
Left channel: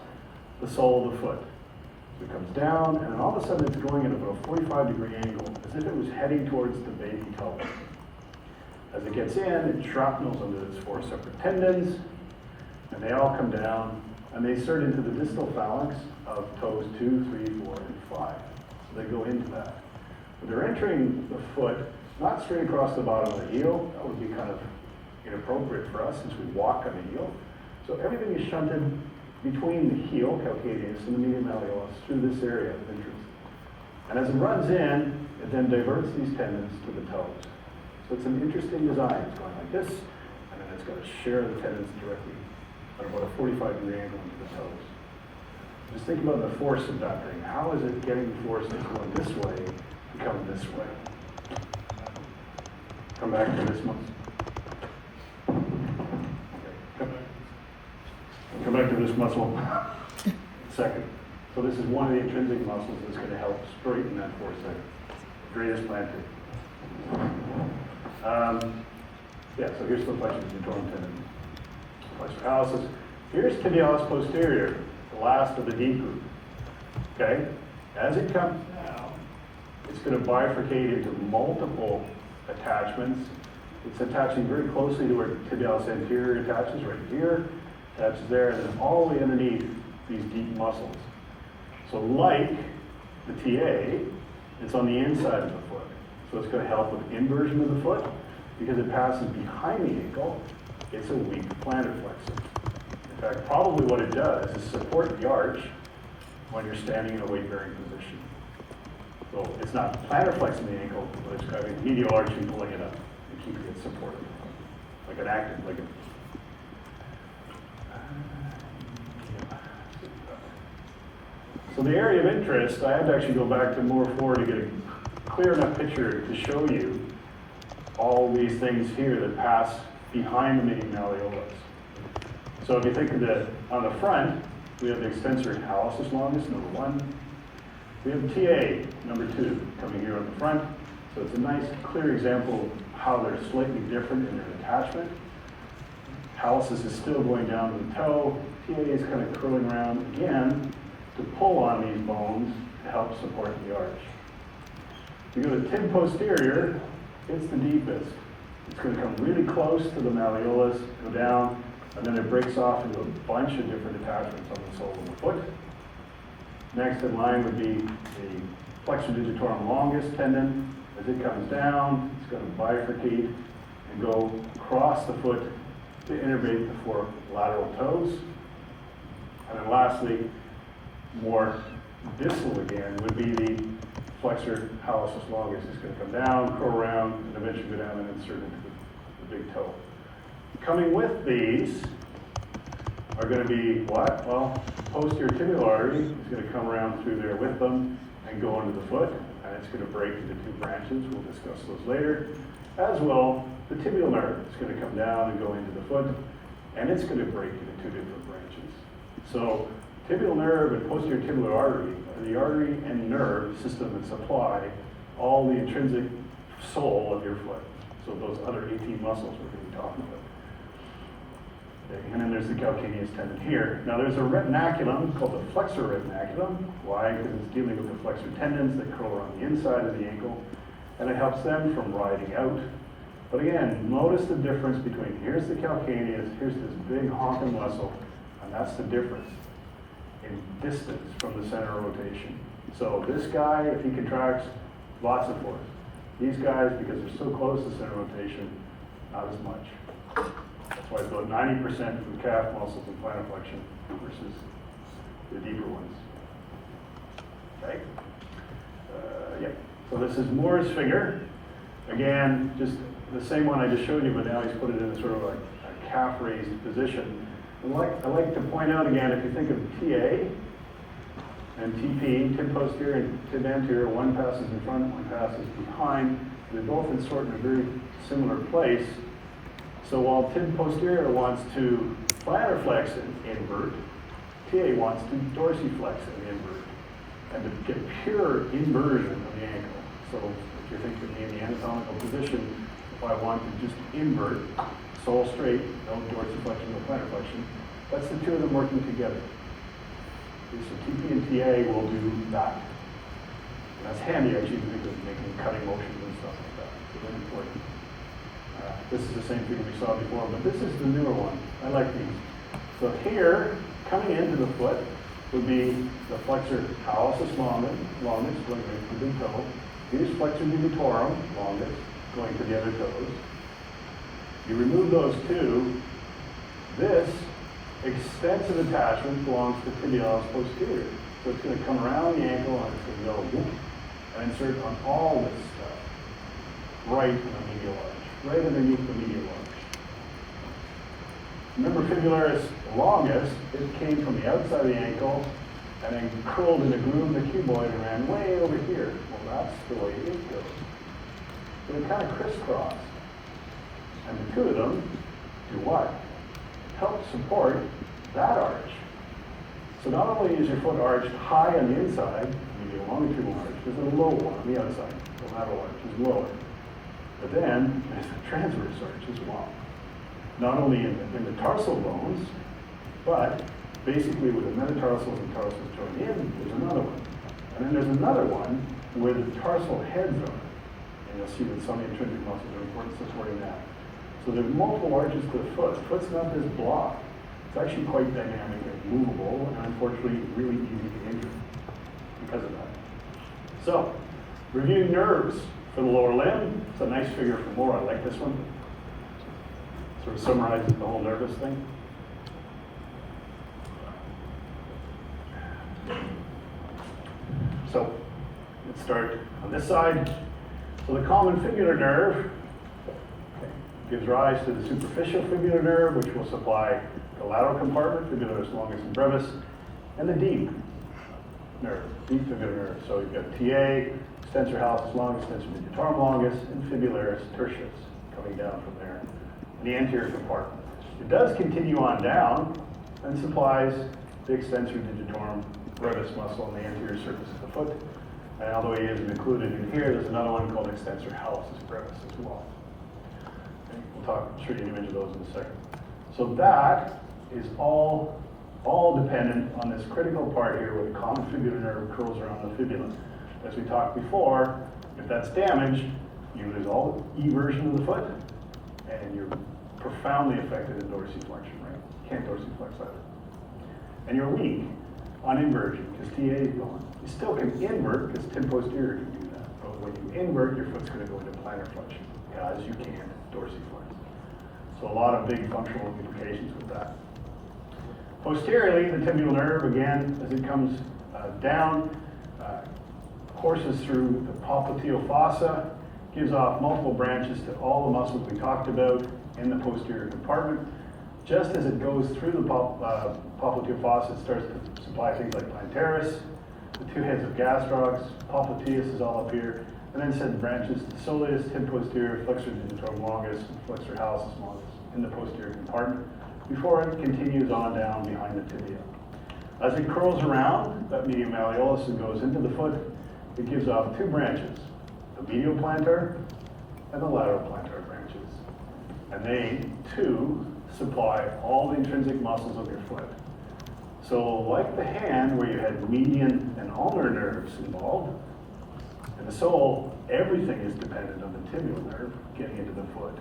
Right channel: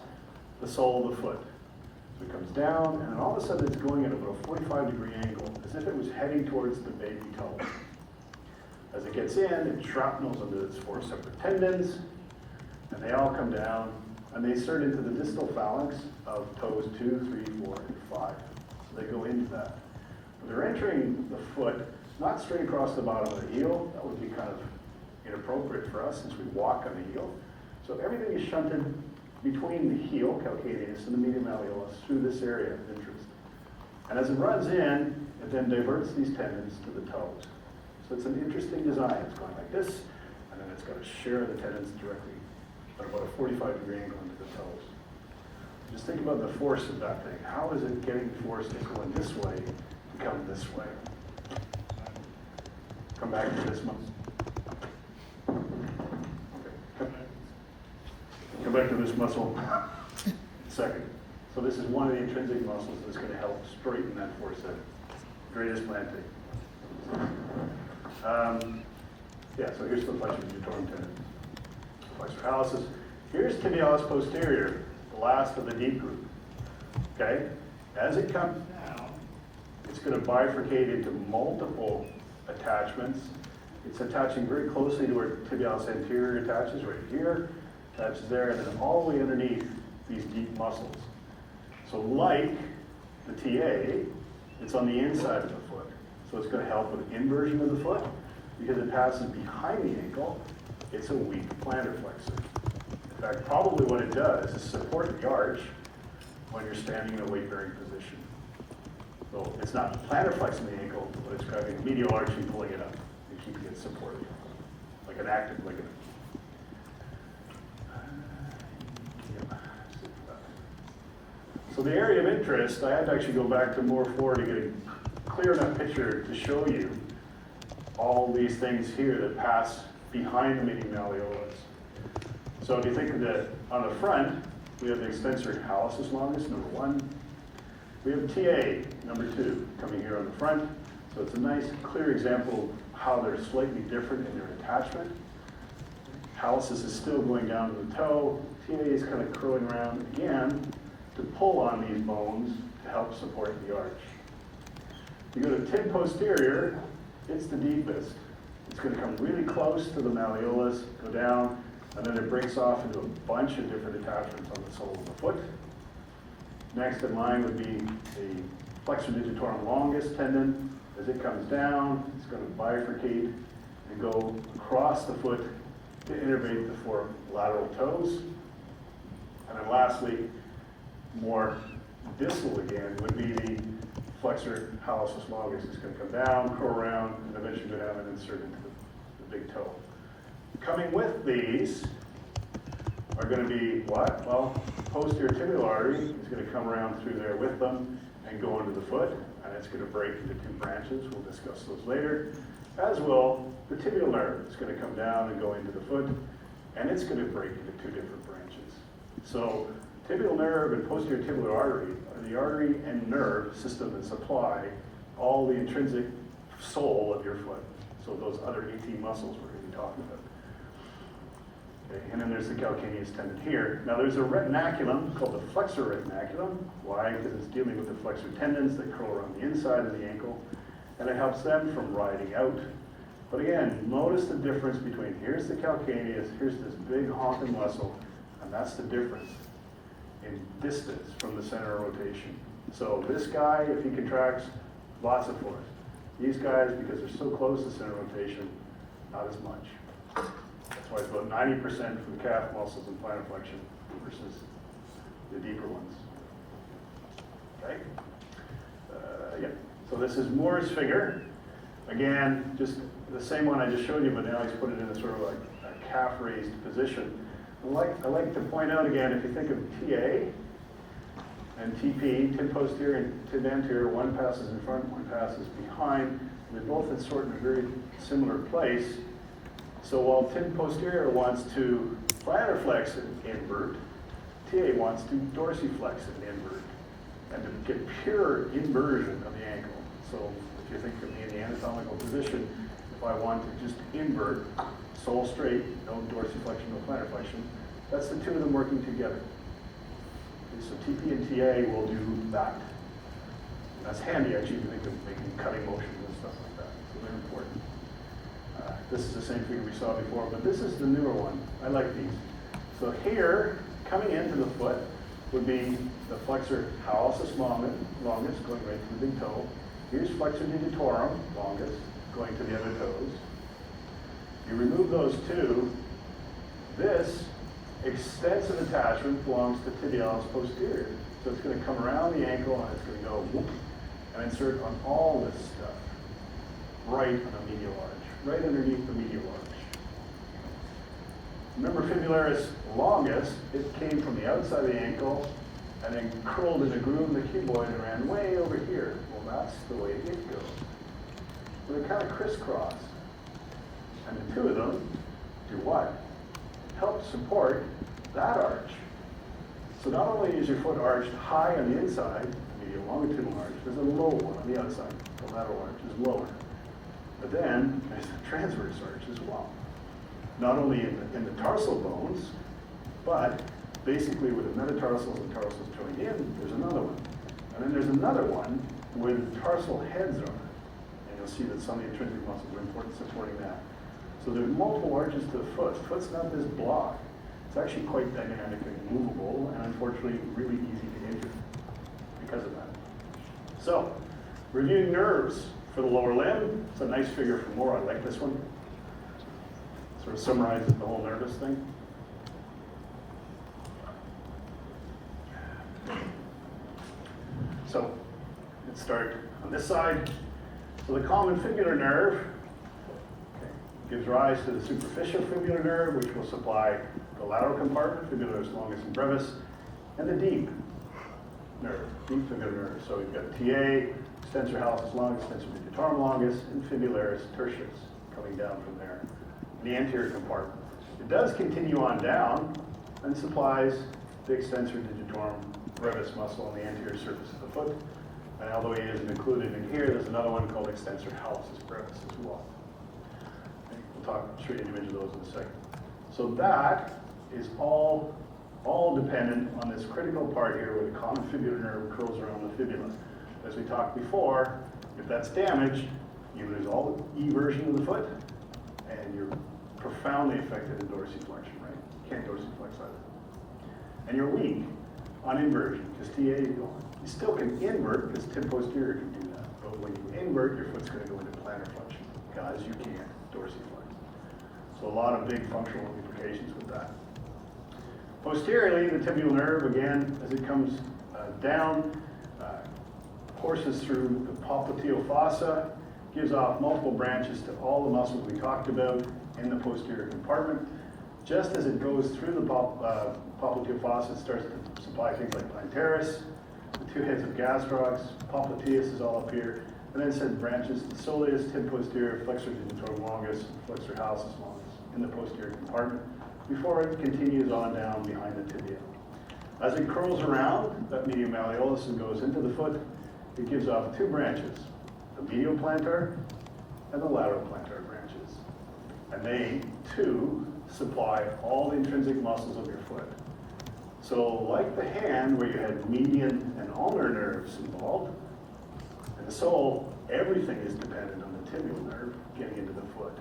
the sole of the foot. So it comes down, and then all of a sudden it's going at about a 45-degree angle, as if it was heading towards the baby toe. As it gets in, it shrapnels under its 4 separate tendons, and they all come down, and they insert into the distal phalanx of toes 2, 3, 4, and 5. So they go into that. But they're entering the foot, not straight across the bottom of the heel. That would be kind of inappropriate for us since we walk on the heel. So everything is shunted between the heel, calcaneus, and the medial malleolus through this area of interest. And as it runs in, it then diverts these tendons to the toes. So it's an interesting design. It's going like this, and then it's going to share the tendons directly at about a 45-degree angle into the toes. Just think about the force of that thing. How is it getting force that's going this way to come this way? Come back to this muscle. Okay. Come back to this muscle. Second. So this is one of the intrinsic muscles that's going to help straighten that force out. Gradus plantar. Yeah, so here's the flexor digitorum tendon. Flexor hallucis. Here's tibialis posterior, the last of the deep group. Okay? As it comes down, it's going to bifurcate into multiple attachments. It's attaching very closely to where tibialis anterior attaches, right here, attaches there, and then all the way underneath these deep muscles. So like the TA, it's on the inside of the foot. So it's going to help with inversion of the foot. Because it passes behind the ankle, it's a weak plantar flexor. In fact, probably what it does is support the arch when you're standing in a weight-bearing position. So it's not plantar flexing the ankle, but it's grabbing medial arch and pulling it up and keeping it supported, like an active ligament. So the area of interest, I had to actually go back to more forward to get a clear enough picture to show you all these things here that pass behind the medial malleolus. So if you think of on the front, we have the extensor hallucis longus, number 1. We have TA, number 2, coming here on the front. So it's a nice, clear example of how they're slightly different in their attachment. Hallucis is still going down to the toe. TA is kind of curling around again to pull on these bones to help support the arch. If you go to tib posterior, it's the deepest. It's going to come really close to the malleolus, go down, and then it breaks off into a bunch of different attachments on the sole of the foot. Next in line would be the flexor digitorum longus tendon. As it comes down, it's going to bifurcate and go across the foot to innervate the 4 lateral toes. And then lastly, more distal again, would be the flexor hallucis longus. Is going to come down, curl around, and eventually go down and insert into the big toe. Coming with these are going to be what? Well, posterior tibial artery is going to come around through there with them and go into the foot, and it's going to break into 2 branches. We'll discuss those later. As will the tibial nerve. It's going to come down and go into the foot, and it's going to break into 2 different branches. So tibial nerve and posterior tibial artery are the artery and nerve system that supply all the intrinsic sole of your foot. So those other 18 muscles we're going to be talking about. Okay, and then there's the calcaneus tendon here. Now there's a retinaculum called the flexor retinaculum. Why? Because it's dealing with the flexor tendons that curl around the inside of the ankle, and it helps them from riding out. But again, notice the difference between here's the calcaneus, here's this big honking muscle, and that's the difference in distance from the center of rotation. So this guy, if he contracts, lots of force. These guys, because they're so close to center of rotation, not as much. That's why it's about 90% for the calf muscles and plantar flexion versus the deeper ones. Okay? Yeah. So this is Moore's figure. Again, just the same one I just showed you, but now he's put it in a sort of a calf raised position. I like to point out again, if you think of TA and TP, tib posterior and tib anterior, one passes in front, one passes behind. They're both in sort of a very similar place. So while tib posterior wants to plantar flex and invert, TA wants to dorsiflex and invert, and to get pure inversion of the ankle. So if you think of me in the anatomical position, if I want to just invert, sole straight, no dorsiflexion, no plantar flexion, that's the two of them working together. Okay, so TP and TA will do that. And that's handy actually to think of making cutting motions and stuff like that. So they're important. This is the same thing we saw before, but this is the newer one. I like these. So here, coming into the foot, would be the flexor hallucis longest, going right to the big toe. Here's flexor digitorum, longest, going to the other toes. You remove those two, this extensive attachment belongs to tibialis posterior. So it's going to come around the ankle and it's going to go whoop, and insert on all this stuff, right on the medial arch, right underneath the medial arch. Remember fibularis longus, it came from the outside of the ankle and then curled in a groove in the cuboid and ran way over here. Well, that's the way it goes. So they kind of crisscross. And the two of them do what? Help support that arch. So not only is your foot arched high on the inside, medial longitudinal arch, there's a low one on the outside. The lateral arch is lower. But then there's the transverse arch as well. Not only in the tarsal bones, but basically with the metatarsals and tarsals joined in, there's another one. And then there's another one where the tarsal heads are. And you'll see that some intrinsic muscles are important supporting that. So there's multiple arches to the foot. The foot's not this block. It's actually quite dynamic and movable, and unfortunately really easy to injure because of that. So, reviewing nerves for the lower limb. It's a nice figure for more. I like this one. Sort of summarizes the whole nervous thing. So, let's start on this side. So the common fibular nerve gives rise to the superficial fibular nerve, which will supply the lateral compartment, fibularis longus and brevis, and the deep nerve, deep fibular nerve. So we've got TA, extensor hallucis longus, extensor digitorum longus, and fibularis tertius coming down from there, the anterior compartment. It does continue on down and supplies the extensor digitorum brevis muscle on the anterior surface of the foot. And although he isn't included in here, there's another one called extensor hallucis brevis as well. Show you an image of those in a second. So that is all dependent on this critical part here where the common fibular nerve curls around the fibula. As we talked before, if that's damaged, you lose all the eversion of the foot, and you're profoundly affected in dorsiflexion, right? You can't dorsiflex either. And you're weak on inversion because TA is gone. You still can invert because tib posterior can do that. But when you invert, your foot's going to go into plantar flexion because you can't dorsiflex. So a lot of big functional implications with that. Posteriorly, the tibial nerve, again, as it comes down, courses through the popliteal fossa, gives off multiple branches to all the muscles we talked about in the posterior compartment. Just as it goes through the popliteal fossa, it starts to supply things like plantaris, the two heads of gastrocs, popliteus is all up here, and then send branches to soleus, tib posterior, flexor digitorum longus, flexor hallucis longus in the posterior compartment before it continues on down behind the tibia. As it curls around that medial malleolus and goes into the foot, it gives off two branches, the medial plantar and the lateral plantar branches. and they, too, supply all the intrinsic muscles of your foot. So like the hand, where you had median and ulnar nerves involved, in the sole, everything is dependent on the tibial nerve getting into the foot.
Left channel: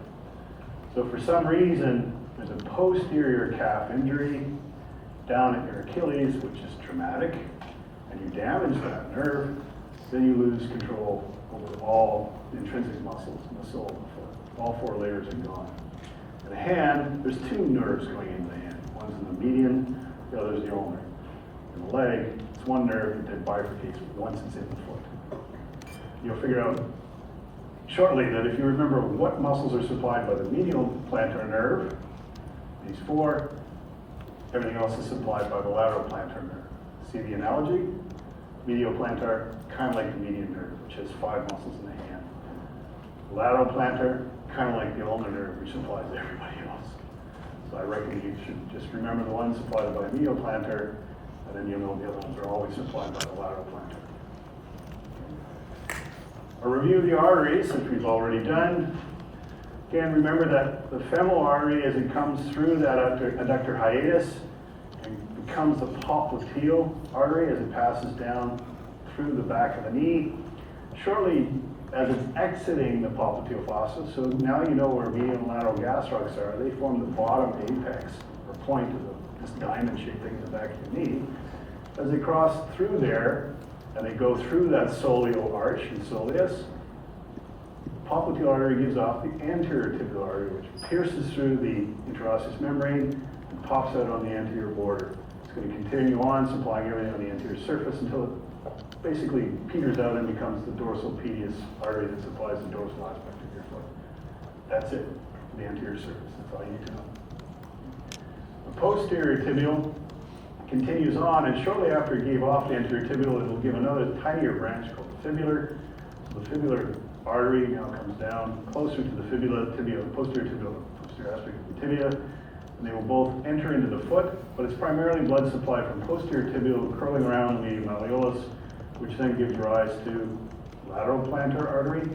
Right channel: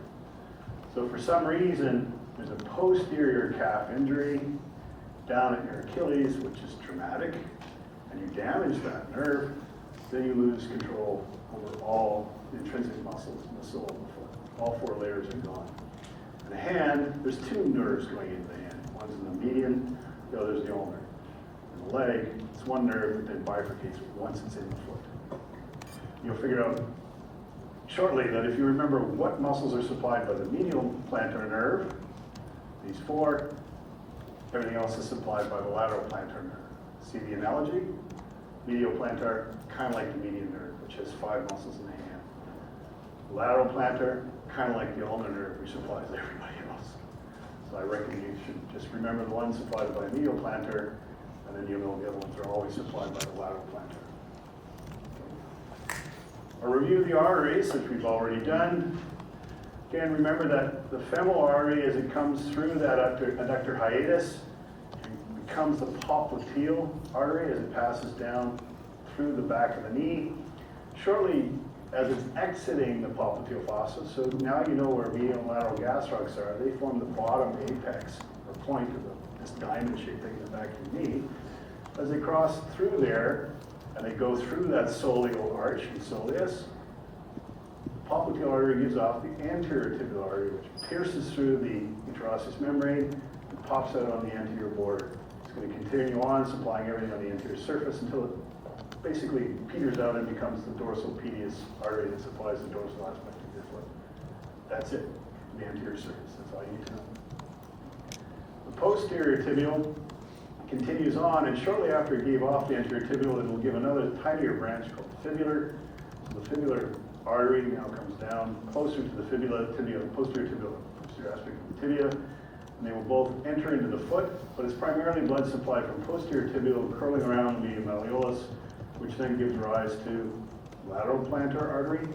So for some reason, there's a posterior calf injury down at your Achilles, which is traumatic, and you damage that nerve, then you lose control over all the intrinsic muscles in the sole of the foot. All 4 layers are gone. In the hand, there's 2 nerves going into the hand. One's in the median, the other's the ulnar. In the leg, it's 1 nerve that then bifurcates once it's in the foot. You'll figure out shortly that if you remember what muscles are supplied by the medial plantar nerve, these 4, everything else is supplied by the lateral plantar nerve. See the analogy? Medial plantar, kind of like the median nerve, which has 5 muscles in the hand. Lateral plantar, kind of like the ulnar nerve, which supplies everybody else. So I reckon you should just remember the ones supplied by the medial plantar, and then you know the other ones are always supplied by the lateral plantar. A review of the arteries, which we've already done. Again, remember that the femoral artery, as it comes through that adductor hiatus, and becomes the popliteal artery as it passes down through the back of the knee. Shortly as it's exiting the popliteal fossa, so now you know where medial and lateral gastrocs are, they form the bottom apex, or point of this diamond shaped thing in the back of the knee. As they cross through there, and they go through that soleal arch and soleus, the popliteal artery gives off the anterior tibial artery, which pierces through the interosseous membrane and pops out on the anterior border. It's going to continue on, supplying everything on the anterior surface until it basically peters out and becomes the dorsal pedius artery that supplies the dorsal aspect of your foot. That's it, the anterior surface. That's all you need to know. The posterior tibial continues on, and shortly after it gave off the anterior tibial, it will give another tinier branch called the fibular. So the fibular artery now comes down closer to the fibula, posterior aspect of the tibia, and they will both enter into the foot, but it's primarily blood supply from posterior tibial curling around the malleolus, which then gives rise to lateral plantar artery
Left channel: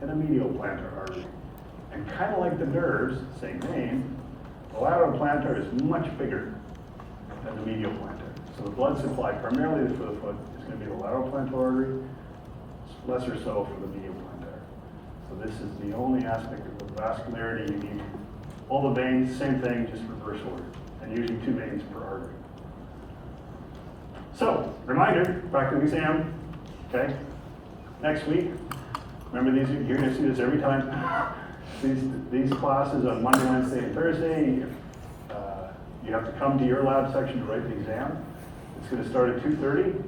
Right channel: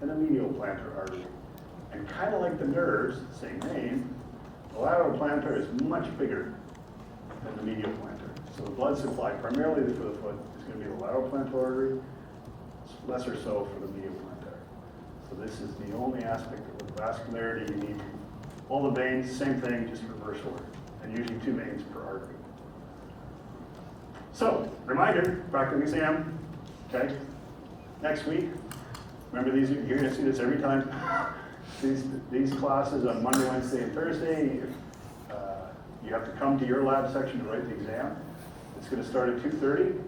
and a medial plantar artery. And kind of like the nerves, same name, the lateral plantar is much bigger than the medial plantar. So the blood supply primarily for the foot is going to be the lateral plantar artery, lesser so for the medial plantar. So this is the only aspect of the vascularity you need. All the veins, same thing, just reverse order, and usually 2 veins per artery. So, reminder, practical exam, okay? Next week, remember these, you're going to see this every time. These classes on Monday, Wednesday, and Thursday, you have to come to your lab section to write the exam. It's going to start at 2:30.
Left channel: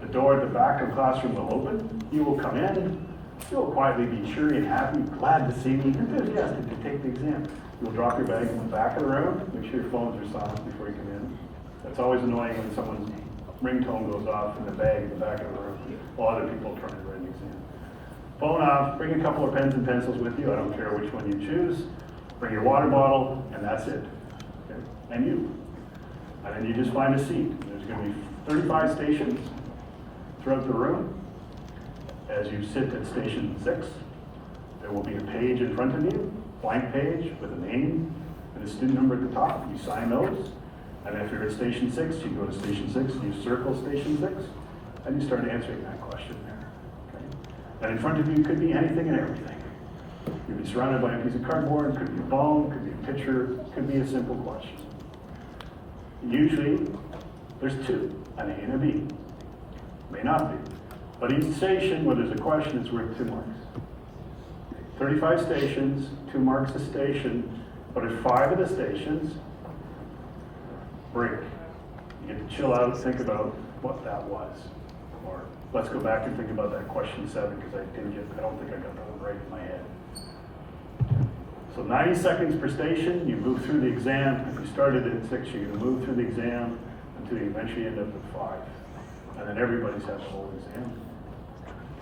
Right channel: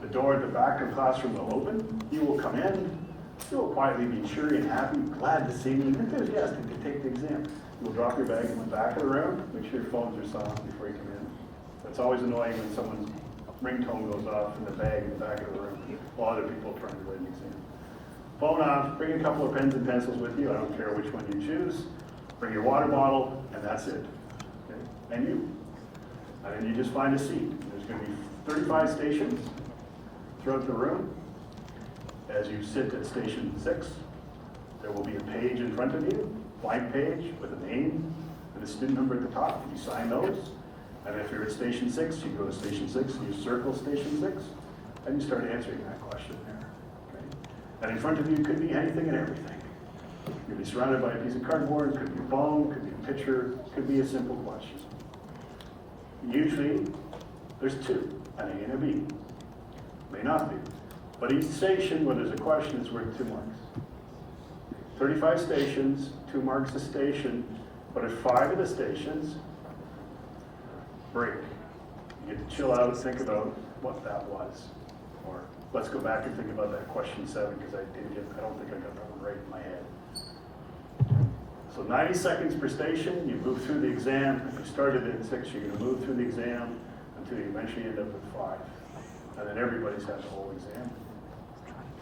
The door at the back of the classroom will open. You will come in. You will quietly be cheery and happy, glad to see me, enthusiastic to take the exam. You will drop your bag in the back of the room. Make sure your phones are silent before you come in. That's always annoying when someone's ringtone goes off in the bag in the back of the room. A lot of people are trying to write an exam. Phone off, bring a couple of pens and pencils with you. I don't care which one you choose. Bring your water bottle, and that's it. Okay? And you. And then you just find a seat. There's going to be 35 stations throughout the room. As you sit at station 6, there will be a page in front of you, blank page with a name and a student number at the top. You sign those. And if you're at station 6, you go to station 6 and you circle station 6, and you start answering that question there. Okay? And in front of you could be anything and everything. You'll be surrounded by a piece of cardboard, could be a bone, could be a picture, could be a simple question. Usually, there's 2, an A and a B. May not be. But each station where there's a question is worth 2 marks. 35 stations, 2 marks a station, but at 5 of the stations, break. You get to chill out, think about what that was. Or let's go back and think about that question 7, because I don't think I got that one right in my head. So 90 seconds per station, you move through the exam. If you started at 6, you're going to move through the exam until you eventually end up at 5. And then everybody's had the whole exam.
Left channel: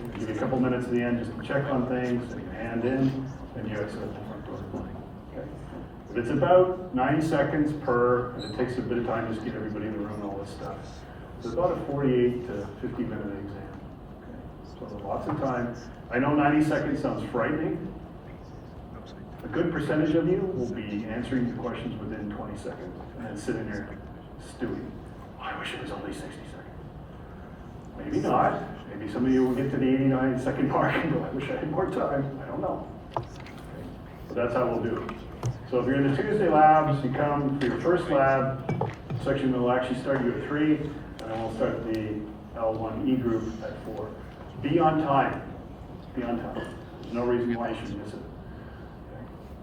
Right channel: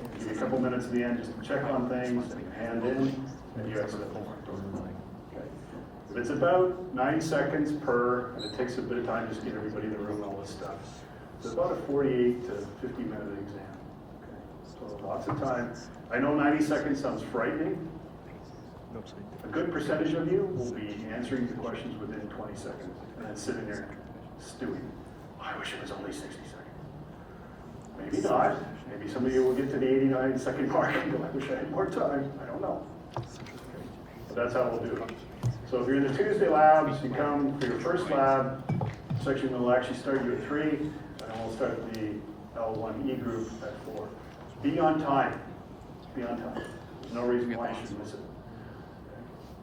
Okay, give you a couple minutes at the end just to check on things, and you hand in, and you exit the front door. Okay. If it's about 90 seconds per, and it takes a bit of time just to get everybody in the room and all this stuff. So it's about a 48 to 50 minute exam. Okay. So lots of time. I know 90 seconds sounds frightening. A good percentage of you will be answering the questions within 20 seconds and then sitting there stewing. Oh, I wish it was only 60 seconds. Maybe not. Maybe some of you will get to the 89-second mark and go, I wish I had more time. I don't know. But that's how we'll do it. So if you're in the Tuesday labs, you come for your first lab. Section will actually start you at 3, and then we'll start the L1E group at 4. Be on time. Be on time. There's no reason why you should miss it.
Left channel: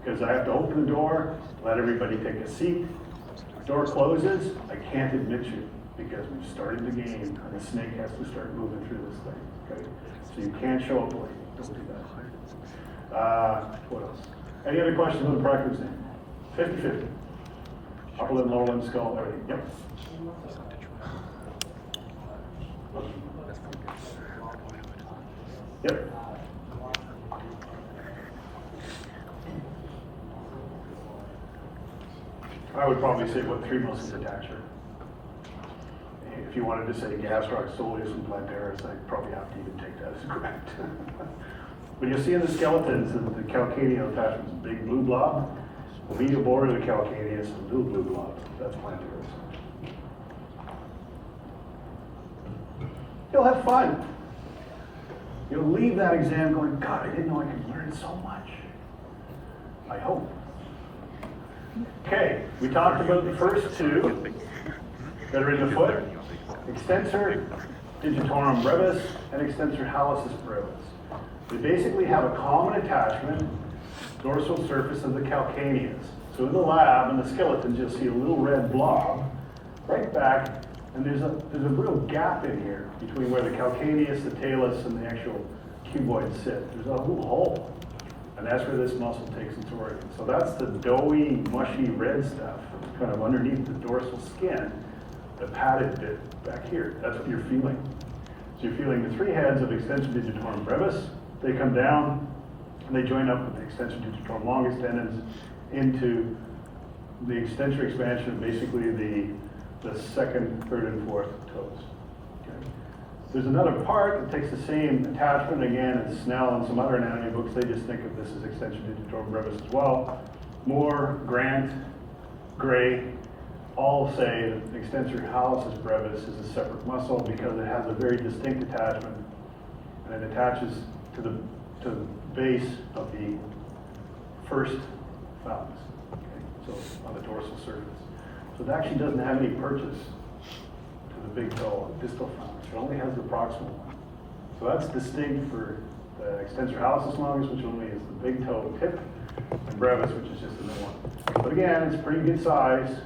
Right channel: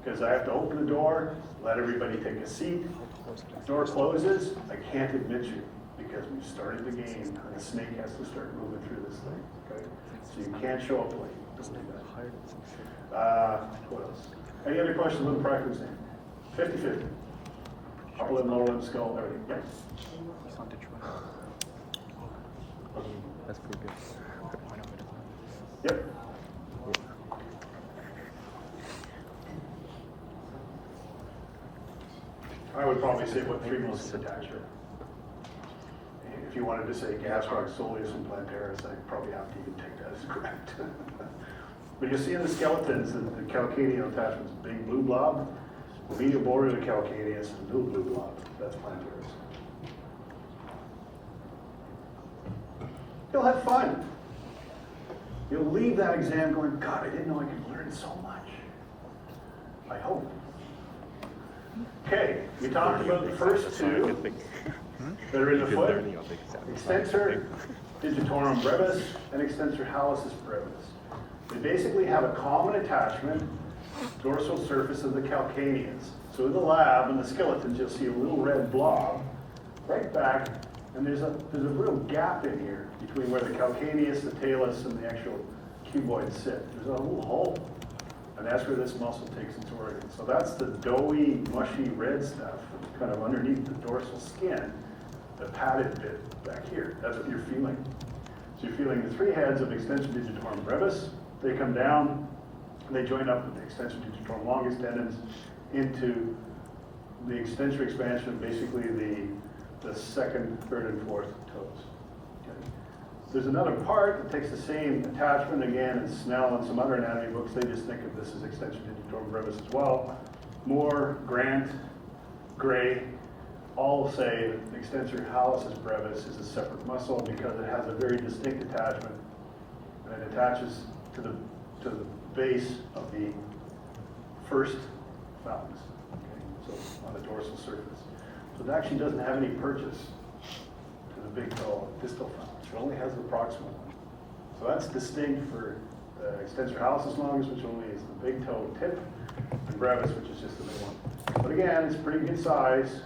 Because I have to open the door, let everybody take a seat. Door closes, I can't admit you because we've started the game and the snake has to start moving through this thing. Okay? So you can't show up late. Don't do that. What else? Any other questions on the practice exam? 50-50. Upper limb, lower limb, skull, everything. Yep. That's pretty good. Yep. I would probably say what 3 most attachment. If you wanted to say gastroc, soleus, and plantaris, I'd probably have to even take that as correct. But you'll see in the skeletons that the calcaneal attachment is a big blue blob. The medial border of the calcaneus is a little blue blob. That's plantaris. You'll have fun. You'll leave that exam going, God, I didn't know I could learn so much. I hope. Okay, we talked about the first 2 that are in the foot. Extensor digitorum brevis and extensor hallucis brevis. They basically have a common attachment, dorsal surface of the calcaneus. So in the lab, in the skeletons, you'll see a little red blob right back, and there's a real gap in here between where the calcaneus, the talus, and the actual cuboid sit. There's a little hole. And that's where this muscle takes its origin. So that's the doughy, mushy red stuff kind of underneath the dorsal skin, the padded bit back here. That's what you're feeling. So you're feeling the 3 heads of extensor digitorum brevis. They come down, and they join up with the extensor digitorum longus tendons into the extensor expansion of basically the second, third, and fourth toes. Okay. There's another part that takes the same attachment again, and Snell and some other anatomy books, they just think of this as extensor digitorum brevis as well. Moore, Grant, Gray, all say that the extensor hallucis brevis is a separate muscle because it has a very distinct attachment, and it attaches to the base of the first thallus, okay? So on the dorsal surface. So it actually doesn't have any purchase to the big toe, distal thallus. It only has the proximal one. So that's distinct for the extensor hallucis longus, which only is the big toe tip, and brevis, which is just the middle one. But again, it's pretty good size,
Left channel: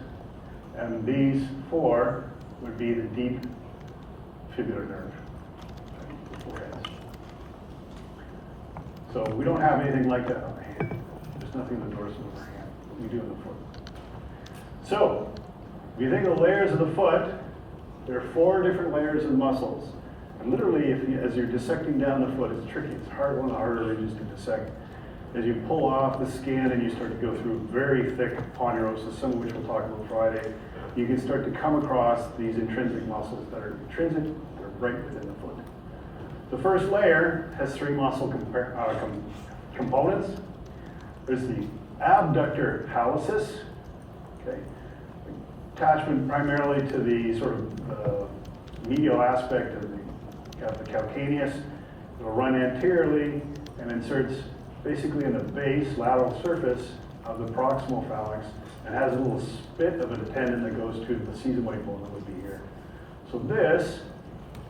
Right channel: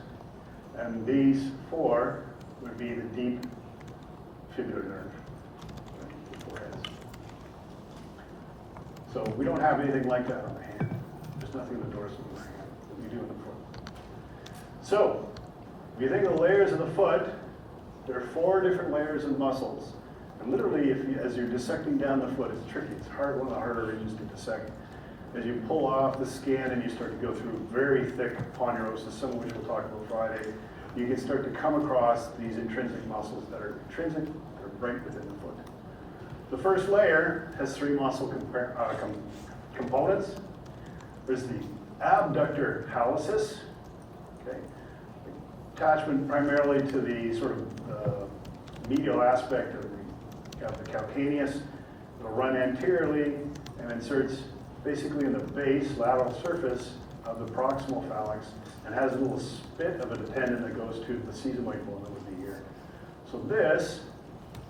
and these 4 would be the deep fibular nerve, the 4 heads. So we don't have anything like that on the hand. There's nothing in the dorsal of the hand. We do in the foot. So, if you think of the layers of the foot, there are 4 different layers of muscles. And literally, as you're dissecting down the foot, it's tricky. It's hard, one of the harder regions to dissect. As you pull off the skin and you start to go through very thick ponderosa, some of which we'll talk about Friday, you can start to come across these intrinsic muscles that are intrinsic, that are right within the foot. The first layer has 3 muscle components. There's the abductor hallucis, okay? Attachment primarily to the sort of medial aspect of the calcaneus. It'll run anteriorly and inserts basically in the base, lateral surface of the proximal phalanx, and has a little spit of a tendon that goes to the sesamoid bone that would be here. So this,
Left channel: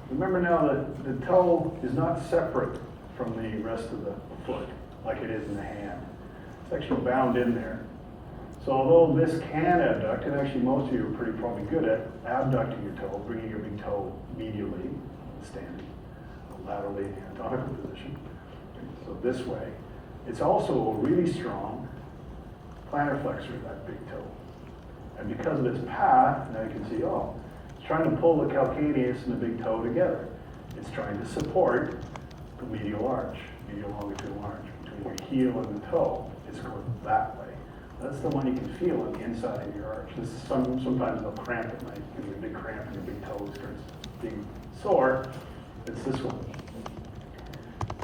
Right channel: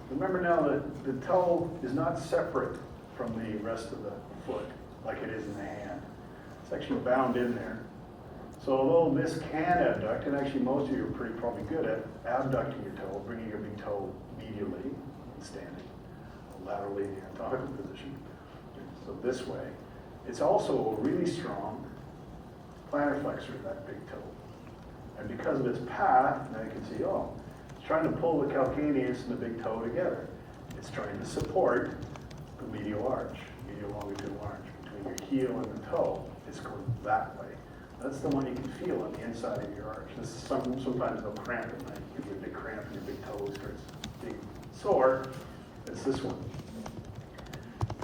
remember now that the toe is not separate from the rest of the foot like it is in the hand. It's actually bound in there. So although this can abduct, and actually most of you are probably good at abducting your toe, bringing your big toe medially, standing, laterally in the anatomical position, so this way, it's also a really strong plantar flexor of that big toe. And because of its path, now you can see, oh, it's trying to pull the calcaneus and the big toe together. It's trying to support the medial arch, medial longitudinal arch between your heel and the toe. It's going that way. That's the one you can feel on the inside of your arch. This is sometimes they'll cramp at night. You get a big cramp and your big toe starts being sore. It's this one.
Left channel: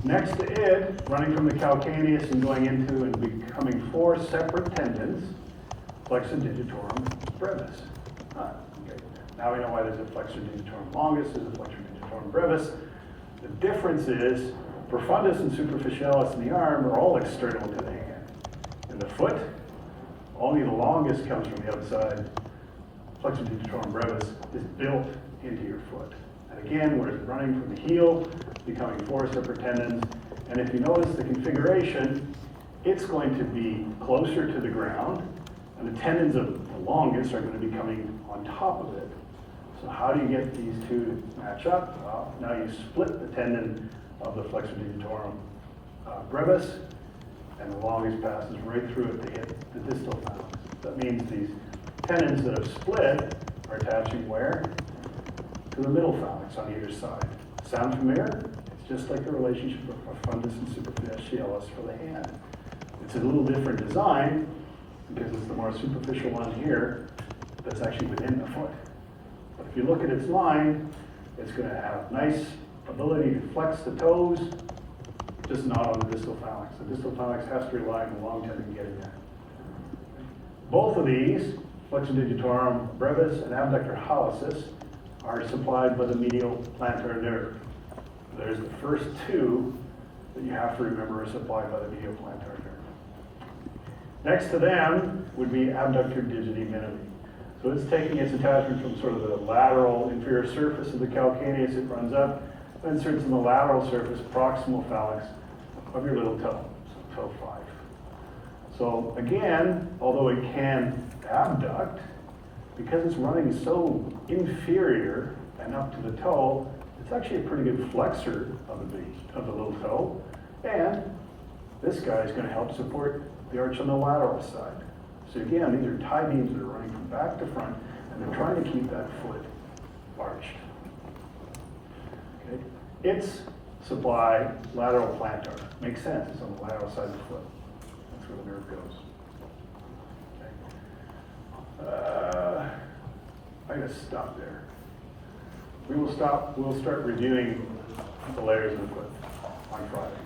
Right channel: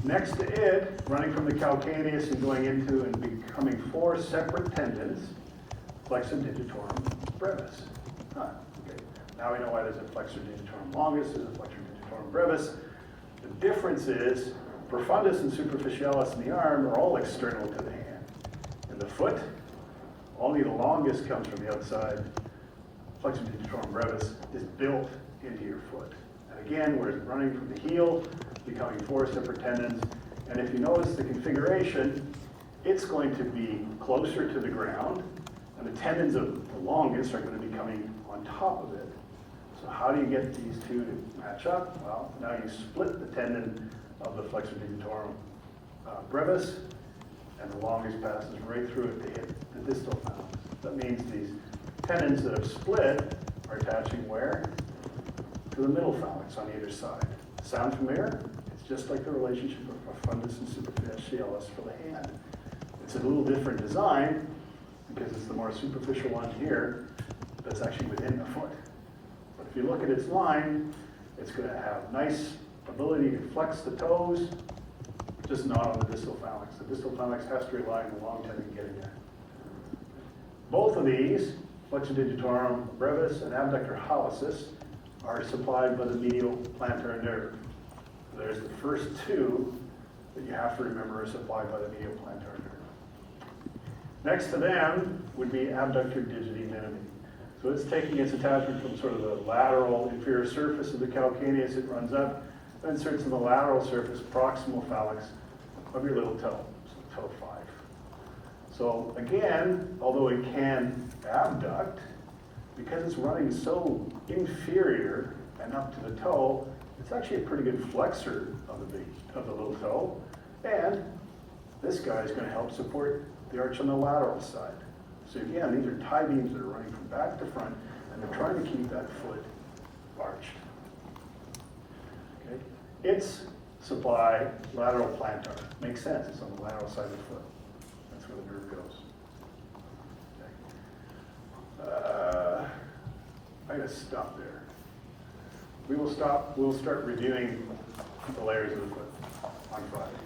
Next to it, running from the calcaneus and going into and becoming 4 separate tendons, flexor digitorum brevis. Huh, okay. Now we know why there's a flexor digitorum longus, there's a flexor digitorum brevis. The difference is profundus and superficialis in the arm are all external to the hand. In the foot, only the longus comes from the outside. Flexor digitorum brevis is built into your foot. And again, we're running from the heel, becoming 4 separate tendons. And if you notice the configuration, it's going to be closer to the ground, and the tendons of the longus are going to be coming on top of it. So how do you get these two to match up? Well, now you split the tendon of the flexor digitorum brevis, and the longus passes right through it to hit the distal phalanx. That means these tendons that have split are attaching where? To the middle phalanx on either side. Sound familiar? It's just like the relationship of profundus and superficialis for the hand. It's a little different design because it's the more superficial one here that's actually within the foot. But if you look at its line, it's going to have nice ability to flex the toes, just not on the distal phalanx. The distal phalanx has to rely on the long tendon getting there. Both of these, flexor digitorum brevis and abductor hallucis, are supplied by the medial plantar nerve. There's the first two that you have to remember are supplied by the medial plantar nerve. Next to them would be abductor digiti minimi. So it's taking its attachment from sort of the lateral inferior surface of the calcaneus, it runs up, then inserts in the lateral surface, proximal phalanx of your little toe, so toe 5. So again, although it can abduct, because it's running so inferior and up to the toe, it's actually a pretty good flexor of the little toe. And this guy is going to help support the arch on the lateral side. So again, these are tie beams that are running from back to front, and they're trying to keep that foot arched. Okay. Its supply, lateral plantar. Makes sense, it's on the lateral side of the foot. That's where the nerve goes. Okay. I gotta stop there. We'll start reviewing the layers of the foot on Friday.